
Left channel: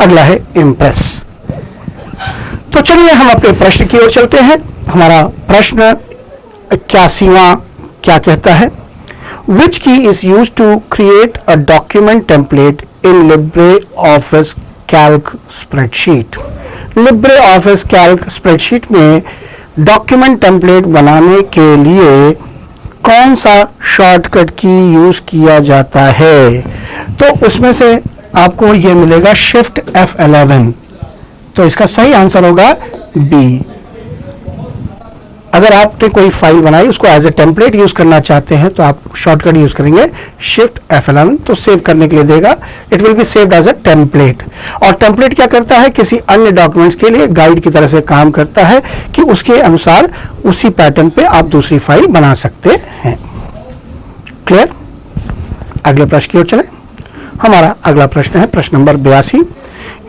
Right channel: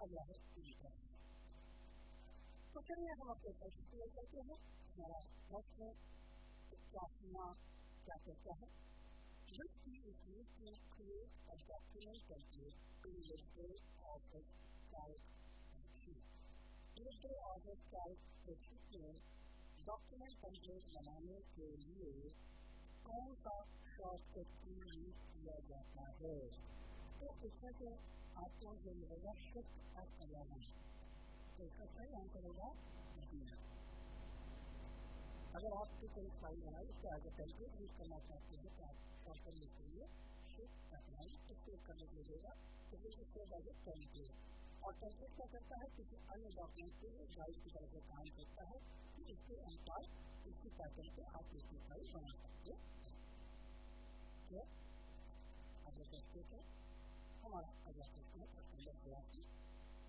अगला है इम्प्रेस। तो चलिए हम अपने प्रश्न की ओर चलते हैं। हमारा प्रश्न 81वां क्या कहता है? Which key is used to create a document template in LibreOffice Calc spreadsheet? LibreOffice Calc spreadsheet में डॉक्यूमेंट टेम्पलेट बनाने के लिए कौन सा शॉर्टकट की यूज किया जाता है? तो उसमें से आपको ये मिलेगा शिफ्ट F11, तो इसका सही आंसर होगा बी। अगर आपने कोई फाइल बनाई उसको एज ए टेम्पलेट यूज करना चाहते हैं तो आप शॉर्टकट यूज करेंगे शिफ्ट F11, तो सेव करने के लिए देगा, it will be saved as a template. और टेम्पलेट क्या करता है? किसी अन्य डॉक्यूमेंट्स के लिए गाइड की तरह से काम करता है कि उसके अनुसार उसी पैटर्न पे आप दूसरी फाइल बना सकते हैं। क्लियर? अगले प्रश्न की ओर चले। हमारा अगला प्रश्न है प्रश्न number 82।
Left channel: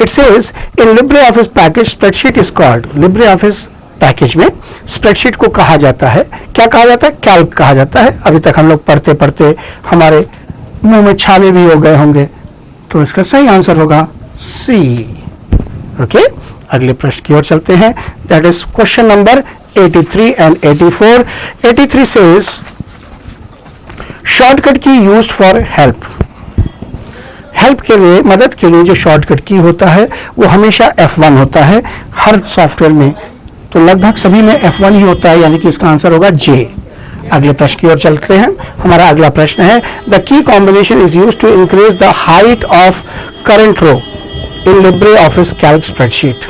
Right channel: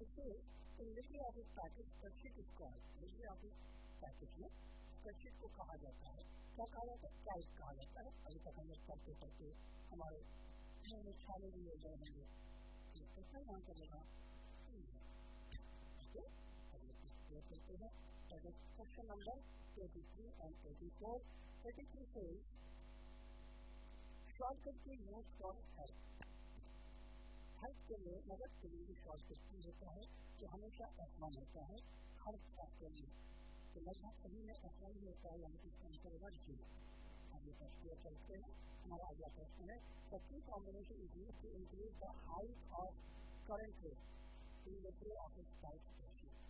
It says in LibreOffice package spreadsheet is called. LibreOffice package में स्प्रेडशीट को कहा जाता है, क्या कहा जाता है? कैल्क कहा जाता है। अभी तक हम लोग पढ़ते पढ़ते हमारे मुंह में छाले भी हो गए होंगे, तो इसका सही आंसर होगा सी। ओके, अगले प्रश्न की ओर चलते हैं, that is question number 83 and 84। 83 says shortcut key used for help. Help के लिए, मदद के लिए जो शॉर्टकट की होता है वो हमेशा F1 होता है हर सॉफ्टवेयर में, तो लगभग सभी में F1 ही होता है, यानी कि इसका आंसर होगा जे। अगले प्रश्न की ओर चलते हैं। हमारा अगला प्रश्न है the key combination is used to increase the height of current row in LibreOffice Calc spreadsheet.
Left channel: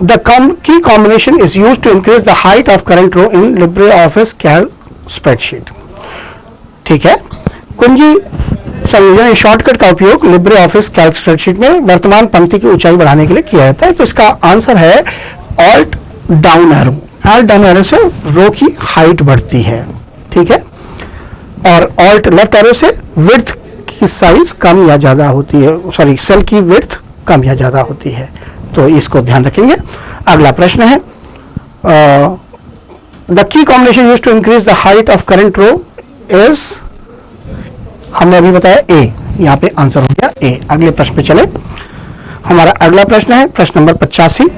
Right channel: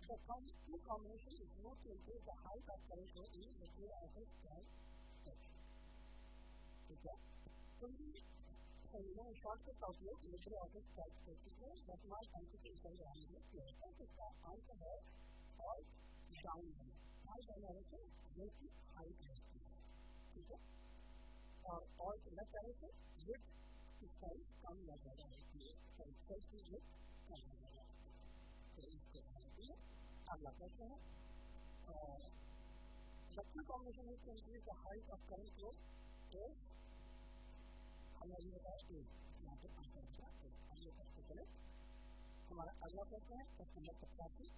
The key combination is used to increase the height of current row in LibreOffice Calc spreadsheet. ठीक है, कुंजी संयोजन shortcut का उपयोग LibreOffice Calc spreadsheet में वर्तमान पंक्ति की ऊंचाई बढ़ाने के लिए किया जाता है। तो इसका आंसर है alt down arrow. Alt down arrow से रो की हाइट बढ़ती है, ठीक है, और ऑल्ट लेफ्ट एरो से विड्थ की साइज कम या ज्यादा होती है, सॉरी सेल की विड्थ कम या ज्यादा होती है, तो इसको ध्यान रखेंगे। अगला प्रश्न है the key combination used to increase the height of current row is, हमने अभी बताया ए, यहाँ पे आंसर हो गया ए। अगले प्रश्न पे चले। हमारा अगला प्रश्न है प्रश्न नंबर 85।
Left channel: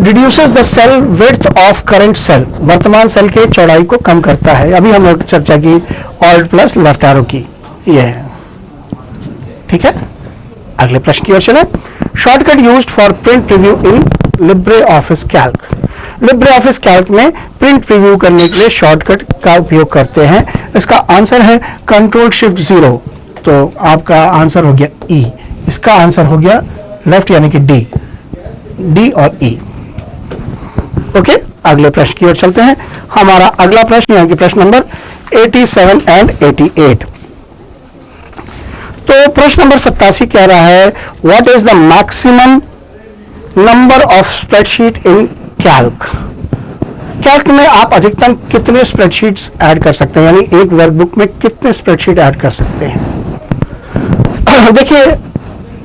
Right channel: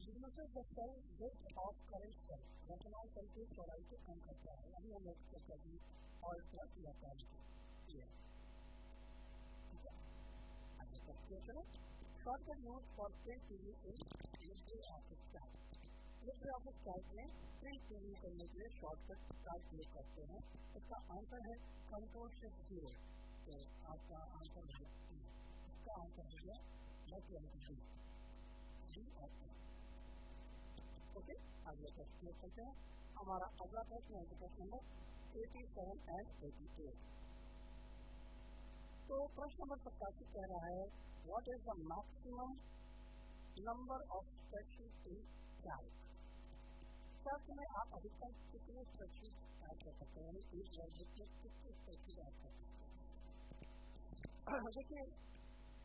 Reduces the cell width of current cell. वर्तमान सेल के चौड़ाई को कम करता है। अभी हम लोग चर्चा की ऑल्ट प्लस लेफ्ट एरो की, ये है, ठीक है। अगले प्रश्न की ओर चले। Shortcut used for print preview in LibreOffice Calc। LibreOffice Calc में प्रिंट प्रीव्यू करने के लिए शॉर्टकट का उपयोग करते हैं। इसका आंसर है कंट्रोल शिफ्ट 0, तो आपका आंसर हो गया ई। इसका आंसर हो गया लेफ्ट यानी कि डी, डी और ई। ओके, अगले प्रश्न की ओर चलते हैं। हमारा अगला प्रश्न यानी कि प्रश्न नंबर 87 एंड 88। तो प्रश्न नंबर 87 कह रहा है what is the maximum number of spreadsheet in Calc. Calc में आप अधिकतम कितने स्प्रेडशीट्स ऐड कर सकते हैं, यानी एक वर्कबुक में कितने स्प्रेडशीट ऐड कर सकते हैं। देखिए,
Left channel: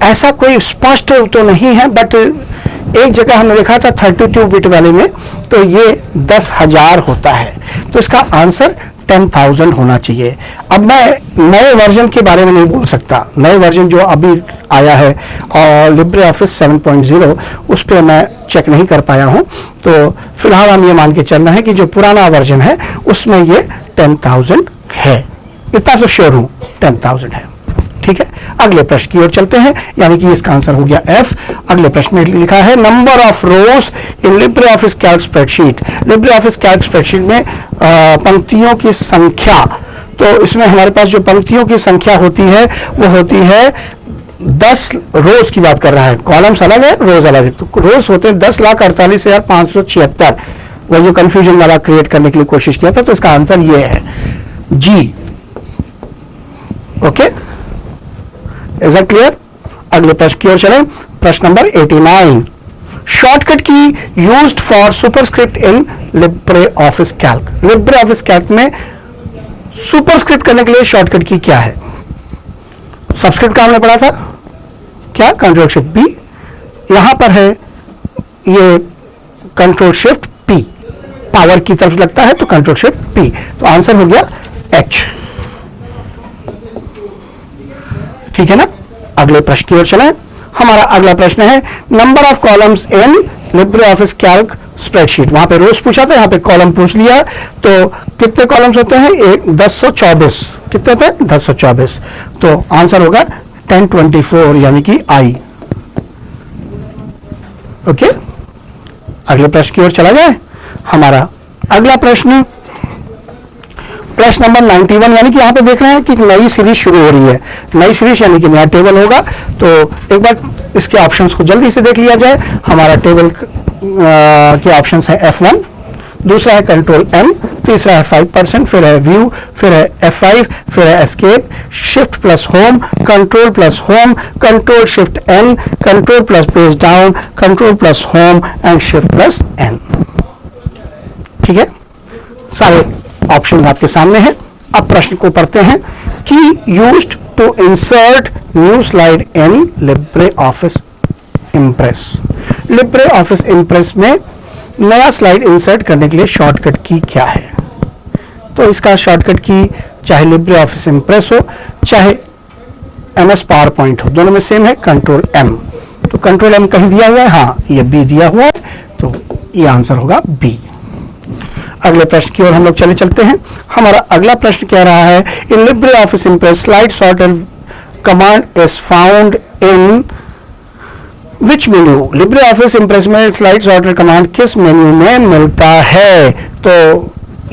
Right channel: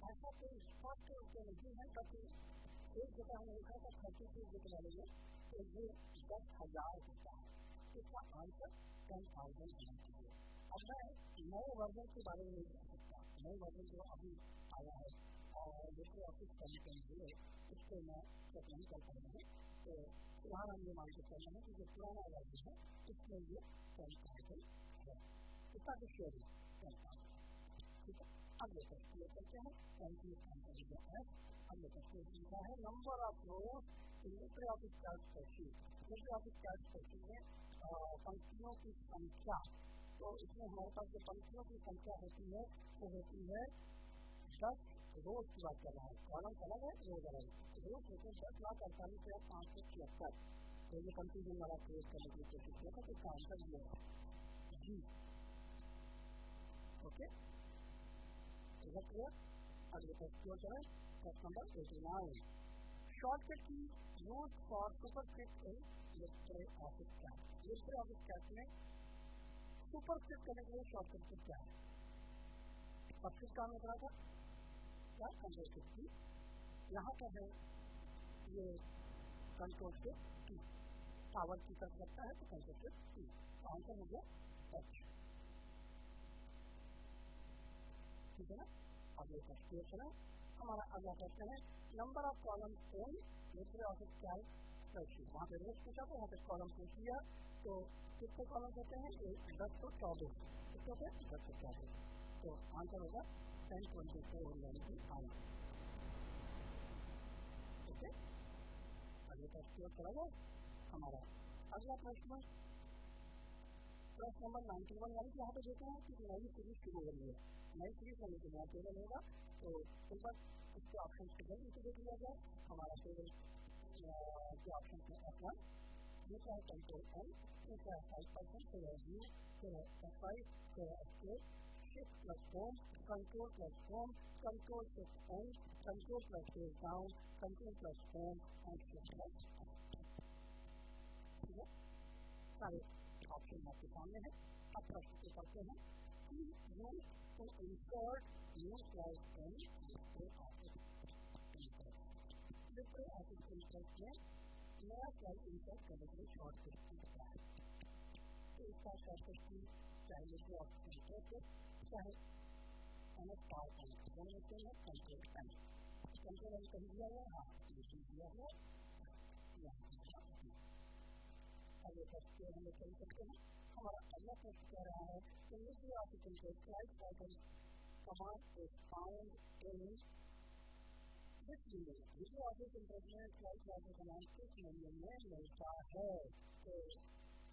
ऐसा कोई स्पष्ट तो नहीं है, बट एक जगह हमने देखा था 32 बिट वाले में, तो ये 10,000 होता है, तो इसका आंसर 10,000 होना चाहिए। अब मैं नए वर्जन के बारे में नहीं बोल सकता, नए वर्जन जो अभी आया है और LibreOffice 7.0 उस पर मैं चेक नहीं कर पाया हूं, तो फिलहाल हम ये मान के चलना है कि जो पुराना वर्जन है उसमें ये 10,000 है, इतना तो श्योर हूं 10,000 है, ठीक है। अगले प्रश्न की ओर चलते हैं, यानी कि इसका आंसर हो गया एफ। अगले प्रश्न में लिखा है number of rose in LibreOffice Calc spreadsheet. LibreOffice Calc spreadsheet में पंक्तियों की संख्या तो इसमें हमारे पास जो पंक्तियों की संख्या होती है वो होती है 10 रोज की बात कर रहा है, कॉलम्स अलग है, रोज अलग है। तो रोज होते हैं 10,48,576, वही जो कंफ्यूजन वाला क्रिएट करने के लिए कोशिश किया था। तो इसका आंसर ये है जी। Okay, is that clear? अगले प्रश्न की ओर चलें। प्रश्न number 89, shortcut key used for superscript in Libre office Calc. Libre office Calc में सुपरस्क्रिप्ट करने के लिए शॉर्टकट की क्या है? सबस्क्रिप्ट का हमने पढ़ा था क्या? Control shift B. यहां पर है ये कंट्रोल शिफ्ट पी, पावर की तरफ लगता है तो कंट्रोल शिफ्ट पी। तो आंसर हो गया एच। ठीक है ना? अगले प्रश्न की ओर चलें। हमारा अगला प्रश्न है number of columns in Libre office Calc spreadsheet. वहां पे रोज पूछा था, यहां पे कॉलम पूछ लिया। तो कितने कॉलम्स होते हैं? 1024। कितने होते हैं? 1024। तो आंसर होगा 1024 यानी कि आई। ओके, अगले प्रश्न की ओर चला जाए। हमारा अगला प्रश्न नंबर 91, यानी कि यहां पे देख रहे हैं कि नई सीरीज शुरू हो रही है। नई सीरीज यानी कि नया टेबल होगा। तो एक बार इसके ऑप्शंस को जल्दी से देख लिया जाए। हमारा टेबल के ऑप्शंस है F1, दूसरा है कंट्रोल M, तीसरा है 5%, फिर है व्यू, फिर है F5, फिर है escape, shift plus home, control plus home, control shift N, control plus page down, control plus home and shift plus N। ठीक है, सारे ऑप्शन आपके सामने हैं। अब प्रश्न को पढ़ते हैं कि used to insert new slide in Libre Office Impress. Libre Office Impress में नया स्लाइड इंसर्ट करने के लिए शॉर्टकट की क्या है? तो इसका शॉर्टकट की चाहे लिब्रे ऑफिस इंप्रेस हो चाहे MS पावर पॉइंट हो, दोनों में सेम है, कंट्रोल M। तो कंट्रोल M कहीं दिया हुआ है? हाँ, ये B दिया हुआ है, तो ये आंसर होगा B। अगले प्रश्न की ओर हम लोग चलते हैं। हमारा अगला प्रश्न कह रहा है इन Libre Office Impress slide sorter command is found in which menu. Libre Office Impress में स्लाइड सॉर्टर कमांड किस मेन्यू में मिलता है? तो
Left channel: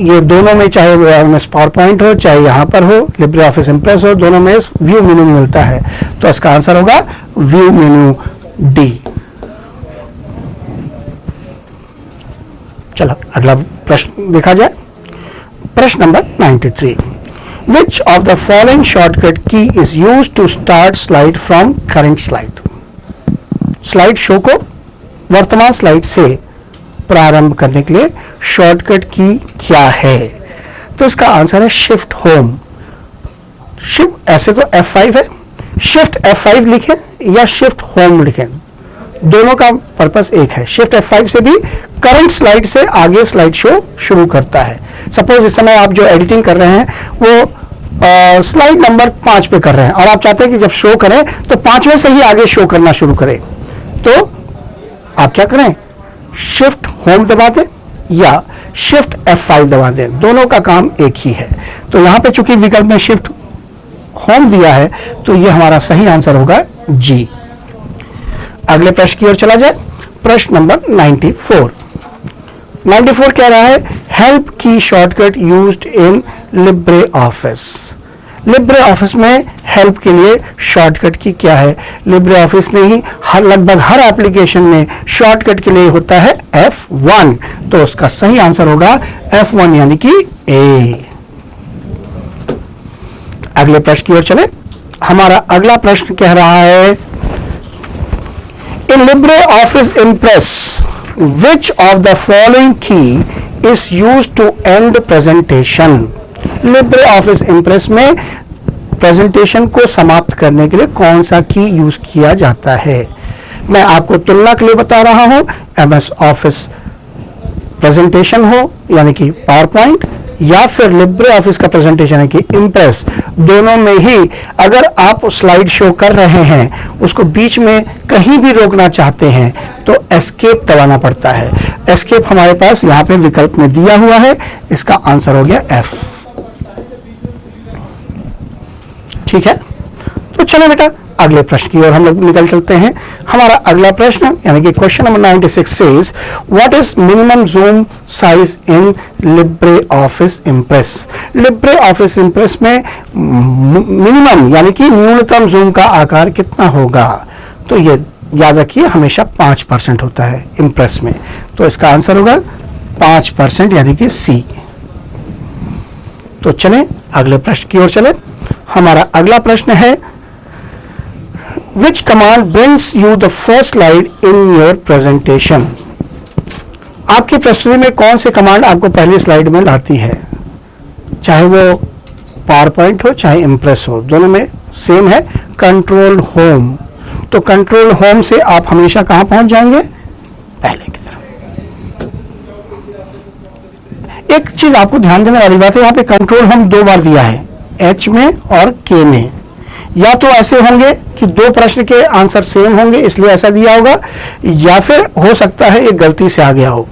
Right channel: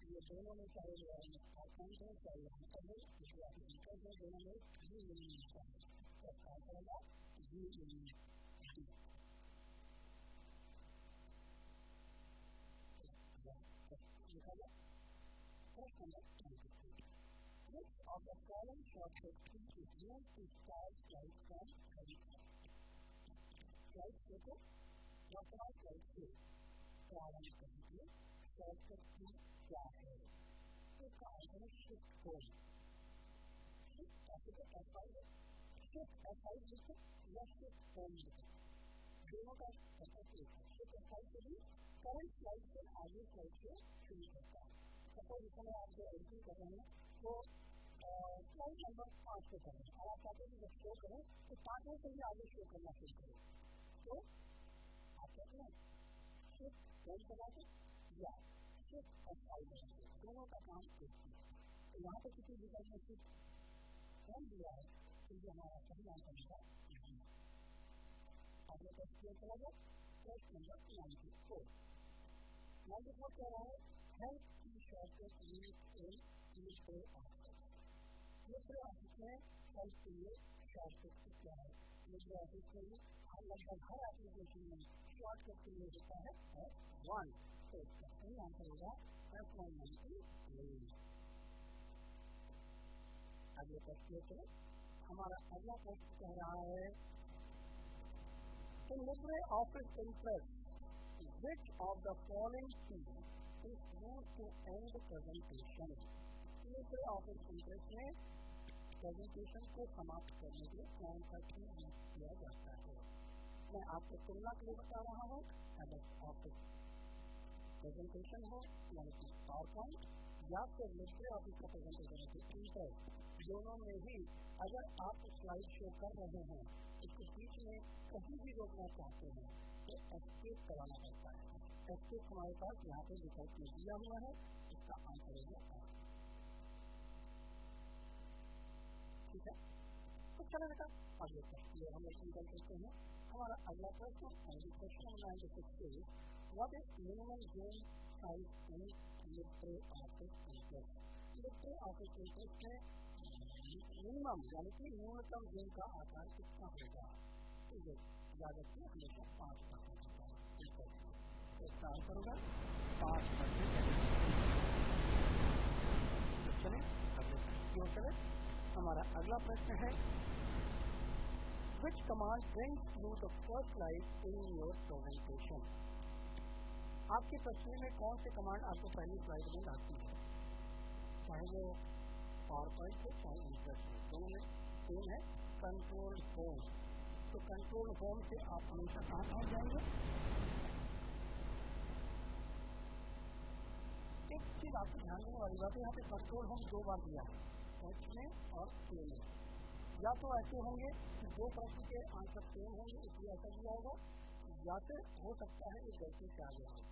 ये दोनों में, चाहे MS पावर पॉइंट हो चाहे यहां पर हो, लिब्रे ऑफिस इंप्रेस हो, दोनों में व्यू मेन्यू में मिलता है। तो इसका आंसर होगा व्यू मेन्यू डी। चलो अगला प्रश्न देखा जाए। प्रश्न number 93, which of the following shortcut key is used to start slide from current slide. Slide show को वर्तमान स्लाइड से प्रारंभ करने के लिए शॉर्टकट की क्या है? तो इसका आंसर है शिफ्ट होम। शिफ्ट ऐसे तो F5 है, शिफ्ट F5 लिखें या शिफ्ट होम लिखें, दोनों का पर्पस एक है। शिफ्ट F5 से भी करंट स्लाइड से आगे स्लाइड शो शुरू करता है। सपोज इस समय आप जो एडिटिंग कर रहे हैं वो स्लाइड नंबर 5 पे कर रहे हैं और आप चाहते हैं कि जब शो करें तो 5वें से ही आगे शो करना शुरू करें, तो आप क्या करें? शिफ्ट होम दबा दें या शिफ्ट F5 दबा दें, दोनों का काम एक ही है। तो यहां पे चूंकि विकल्प में शिफ्ट होम दिया है तो ये हमारा सही आंसर होगा जी। अगले प्रश्न की ओर चला जाए। प्रश्न नंबर 94 कह रहा है हेल्प की shortcut used in Libre office. Libre office में हेल्प के लिए शॉर्टकट की क्या है? लिब्रे ऑफिस में ही लगभग हर एप्लीकेशन में शॉर्टकट के लिए होता है F1। तो उसका सही आंसर होगा F1 यानी कि A। अगले प्रश्न की ओर चले। हमारा अगला प्रश्न कह रहा है in LibreOffice Impress which of the following key is used to end presentation। LibreOffice Impress में प्रेजेंटेशन को समाप्त करने के लिए कौन सा की यूज किया जाता है? मैं आपको तुलना के लिए बता रहा हूं, MS ऑफिस प्रेजेंटेशन हो यानी कि पावर पॉइंट या फिर लिब्रे ऑफिस का प्रेजेंटेशन है कि इम्प्रेस, दोनों में ही अगर आप स्लाइड शो कर रहे हैं उसको बीच में कहीं भी रोकना चाहते हैं तो एस्केप दबाना पड़ता है। एस्केप हमारे पास यहाँ पे विकल्प में दिया हुआ है, इसका आंसर हो गया F। ठीक है, तो चलो बेटा अगले प्रश्न की ओर हम लोग निकल चलते हैं। हमारा अगला प्रश्न यानी कि question number 96 says what is minimum zoom size in Libre Office Impress. Libre Office Impress में मिनिमम यानी कि न्यूनतम जूम का आकार कितना होगा? तो ये याद रखिए हमेशा 5% होता है इम्प्रेस में, तो इसका आंसर होगा 5% यानी कि सी। तो चलें अगले प्रश्न की ओर चलें। हमारा अगला प्रश्न है Which command brings you the first slide in your presentation? आपकी प्रस्तुति में कौन से कमांड आपको पहली स्लाइड में लाती है? चाहे वो पावर पॉइंट हो चाहे इम्प्रेस हो, दोनों में सेम है, कंट्रोल होम। तो कंट्रोल होम से आप हमेशा कहां पहुंच जाएंगे? पहले की तरफ। एक चीज आपको ध्यान देने वाली बात है, यहां पे कंट्रोल होम 2 बार दिया है, एच में और के में। या तो ऐसे होंगे कि 2 प्रश्न के आंसर सेम होंगे इसलिए ऐसा दिया होगा, या फिर हो सकता है एक गलती से आ गया हो।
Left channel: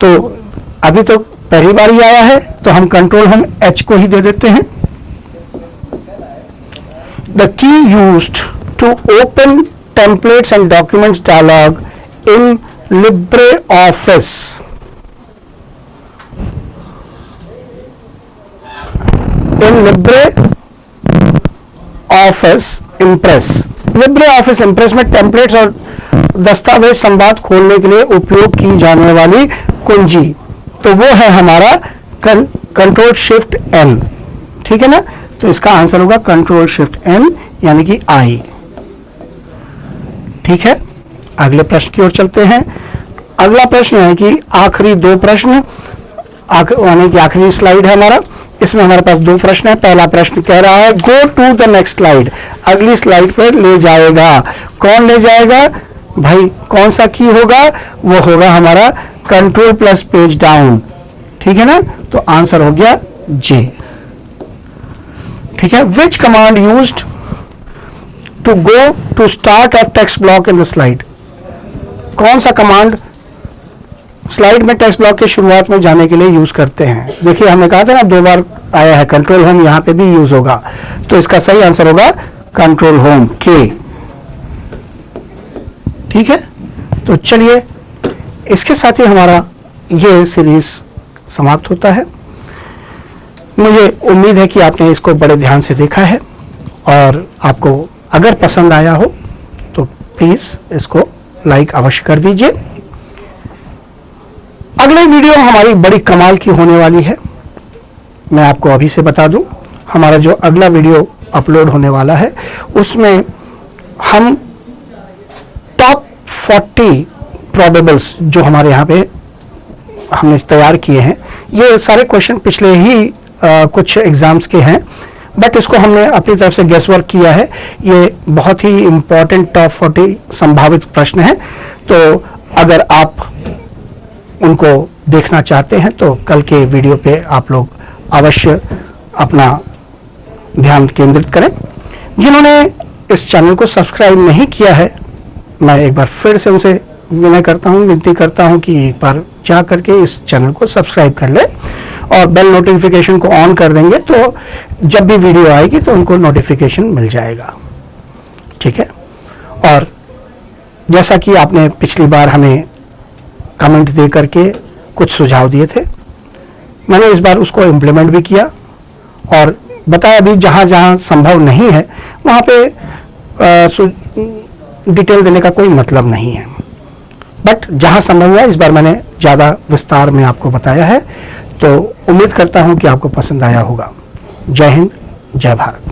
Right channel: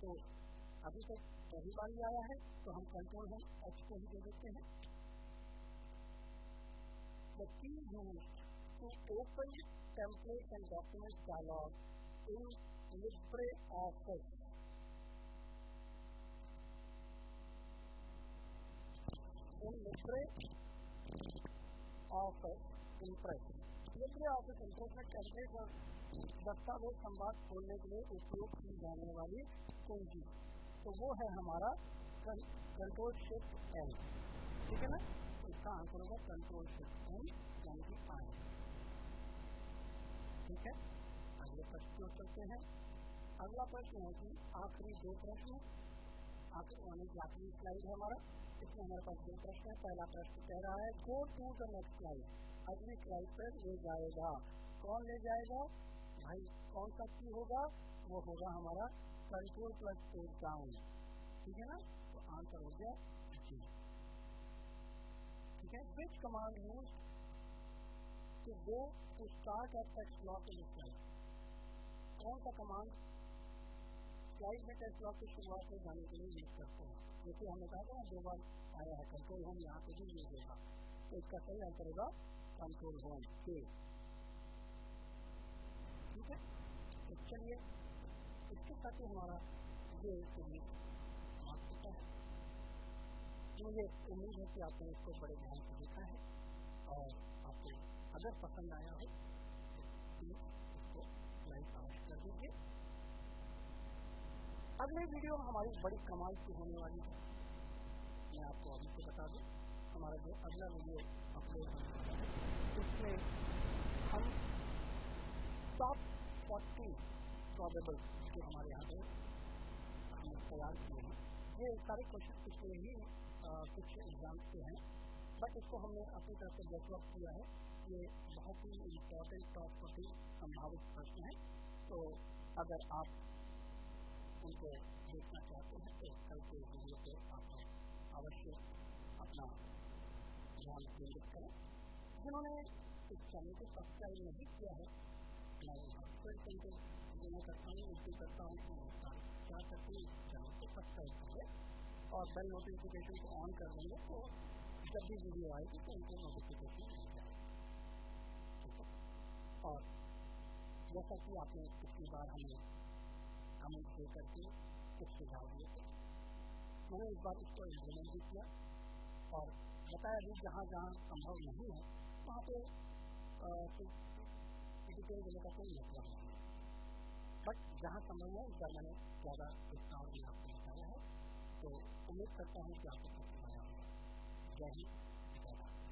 तो अभी तो पहली बार ही आया है तो हम कंट्रोल होम एच को ही दे देते हैं। The key used to open templates and documents dialog in Libre Office. In Libre Office Impress. Libre Office Impress में टेम्पलेट्स और दस्तावेज संवाद खोलने के लिए उपयोग की जाने वाली कुंजी, तो वो है हमारा कंट्रोल शिफ्ट एन। ठीक है ना? तो इसका आंसर होगा कंट्रोल शिफ्ट एन यानी कि आई। ठीक है, अगले प्रश्न की ओर चलते हैं। अगला प्रश्न है कि आखिरी 2 प्रश्न, यानी कि आखिरी स्लाइड है हमारा, इसमें हमारे पास 2 प्रश्न है। पहला प्रश्न कह रहा है go to the next slide, अगली स्लाइड पर ले जाएगा। कौन ले जाएगा भाई? कौन सा की होगा? वो होगा हमारा कंट्रोल प्लस पेज डाउन। ठीक है ना? तो आंसर हो गया जे। ठीक है, which command used to go to start of text block in the slide. कौन सा कमांड स्लाइड में टेक्स्ट ब्लॉक की शुरुआत में जाने के लिए यूज करते हैं? देखिए हमने कहा था ना 2 बार आया है, कंट्रोल होम यहां पे भी यूज होगा, तो इसका सही आंसर होगा कंट्रोल होम के। ठीक है, तो चलिए इसके साथ ही हमारा ये सीरीज समाप्त होता है। मुझे उम्मीद है कि आपने इसको बड़े ध्यान से देखा है और आपको अगर पसंद आया हो तो प्लीज इसको लाइक अवश्य कर दीजिए। अगले वीडियो हमारी बड़ी कमाल की होने वाली है। मैं आपको अभी से बता दूं, हमारा जो अगला वीडियो अपलोड होने वाला है उसमें हम टॉप 40 प्रोबेबल्स जो हमारे यहाँ पे हमने तैयार किए हैं, ये सारे क्वेश्चन पिछले ही कुछ एग्जाम्स के हैं, बट इसको हमने अपनी तरफ से गेस वर्क किया है। ये बहुत ही इम्पोर्टेंट टॉप 40 संभावित प्रश्न हैं, तो अगर आप उनको देखना चाहते हैं तो कल के वीडियो पे आप लोग अवश्य अपना ध्यान केंद्रित करें। जिन्होंने इस चैनल को सब्सक्राइब नहीं किया है, मैं एक बार फिर से उनसे विनती करता हूं कि एक बार जा करके इस चैनल को सब्सक्राइब कर ले और बेल नोटिफिकेशन को ऑन कर देंगे तो जब भी वीडियो आएगी तो उनको नोटिफिकेशन मिल जाएगा। ठीक है, और जैसा कि आपने पिछली बार हमें कमेंट दे करके कुछ सुझाव दिए थे, मैंने इस बार उसको इम्प्लीमेंट भी किया और बताया भी जहाँ जहाँ संभव नहीं है वहाँ पे डिटेल देने का कोई मतलब नहीं है, बट जहाँ संभव हुआ इस बार मैंने ज़्यादा विस्तार में आपको बताया है। तो उम्मीद करता हूँ कि आपको पसंद आया होगा। जय हिंद, जय भारत।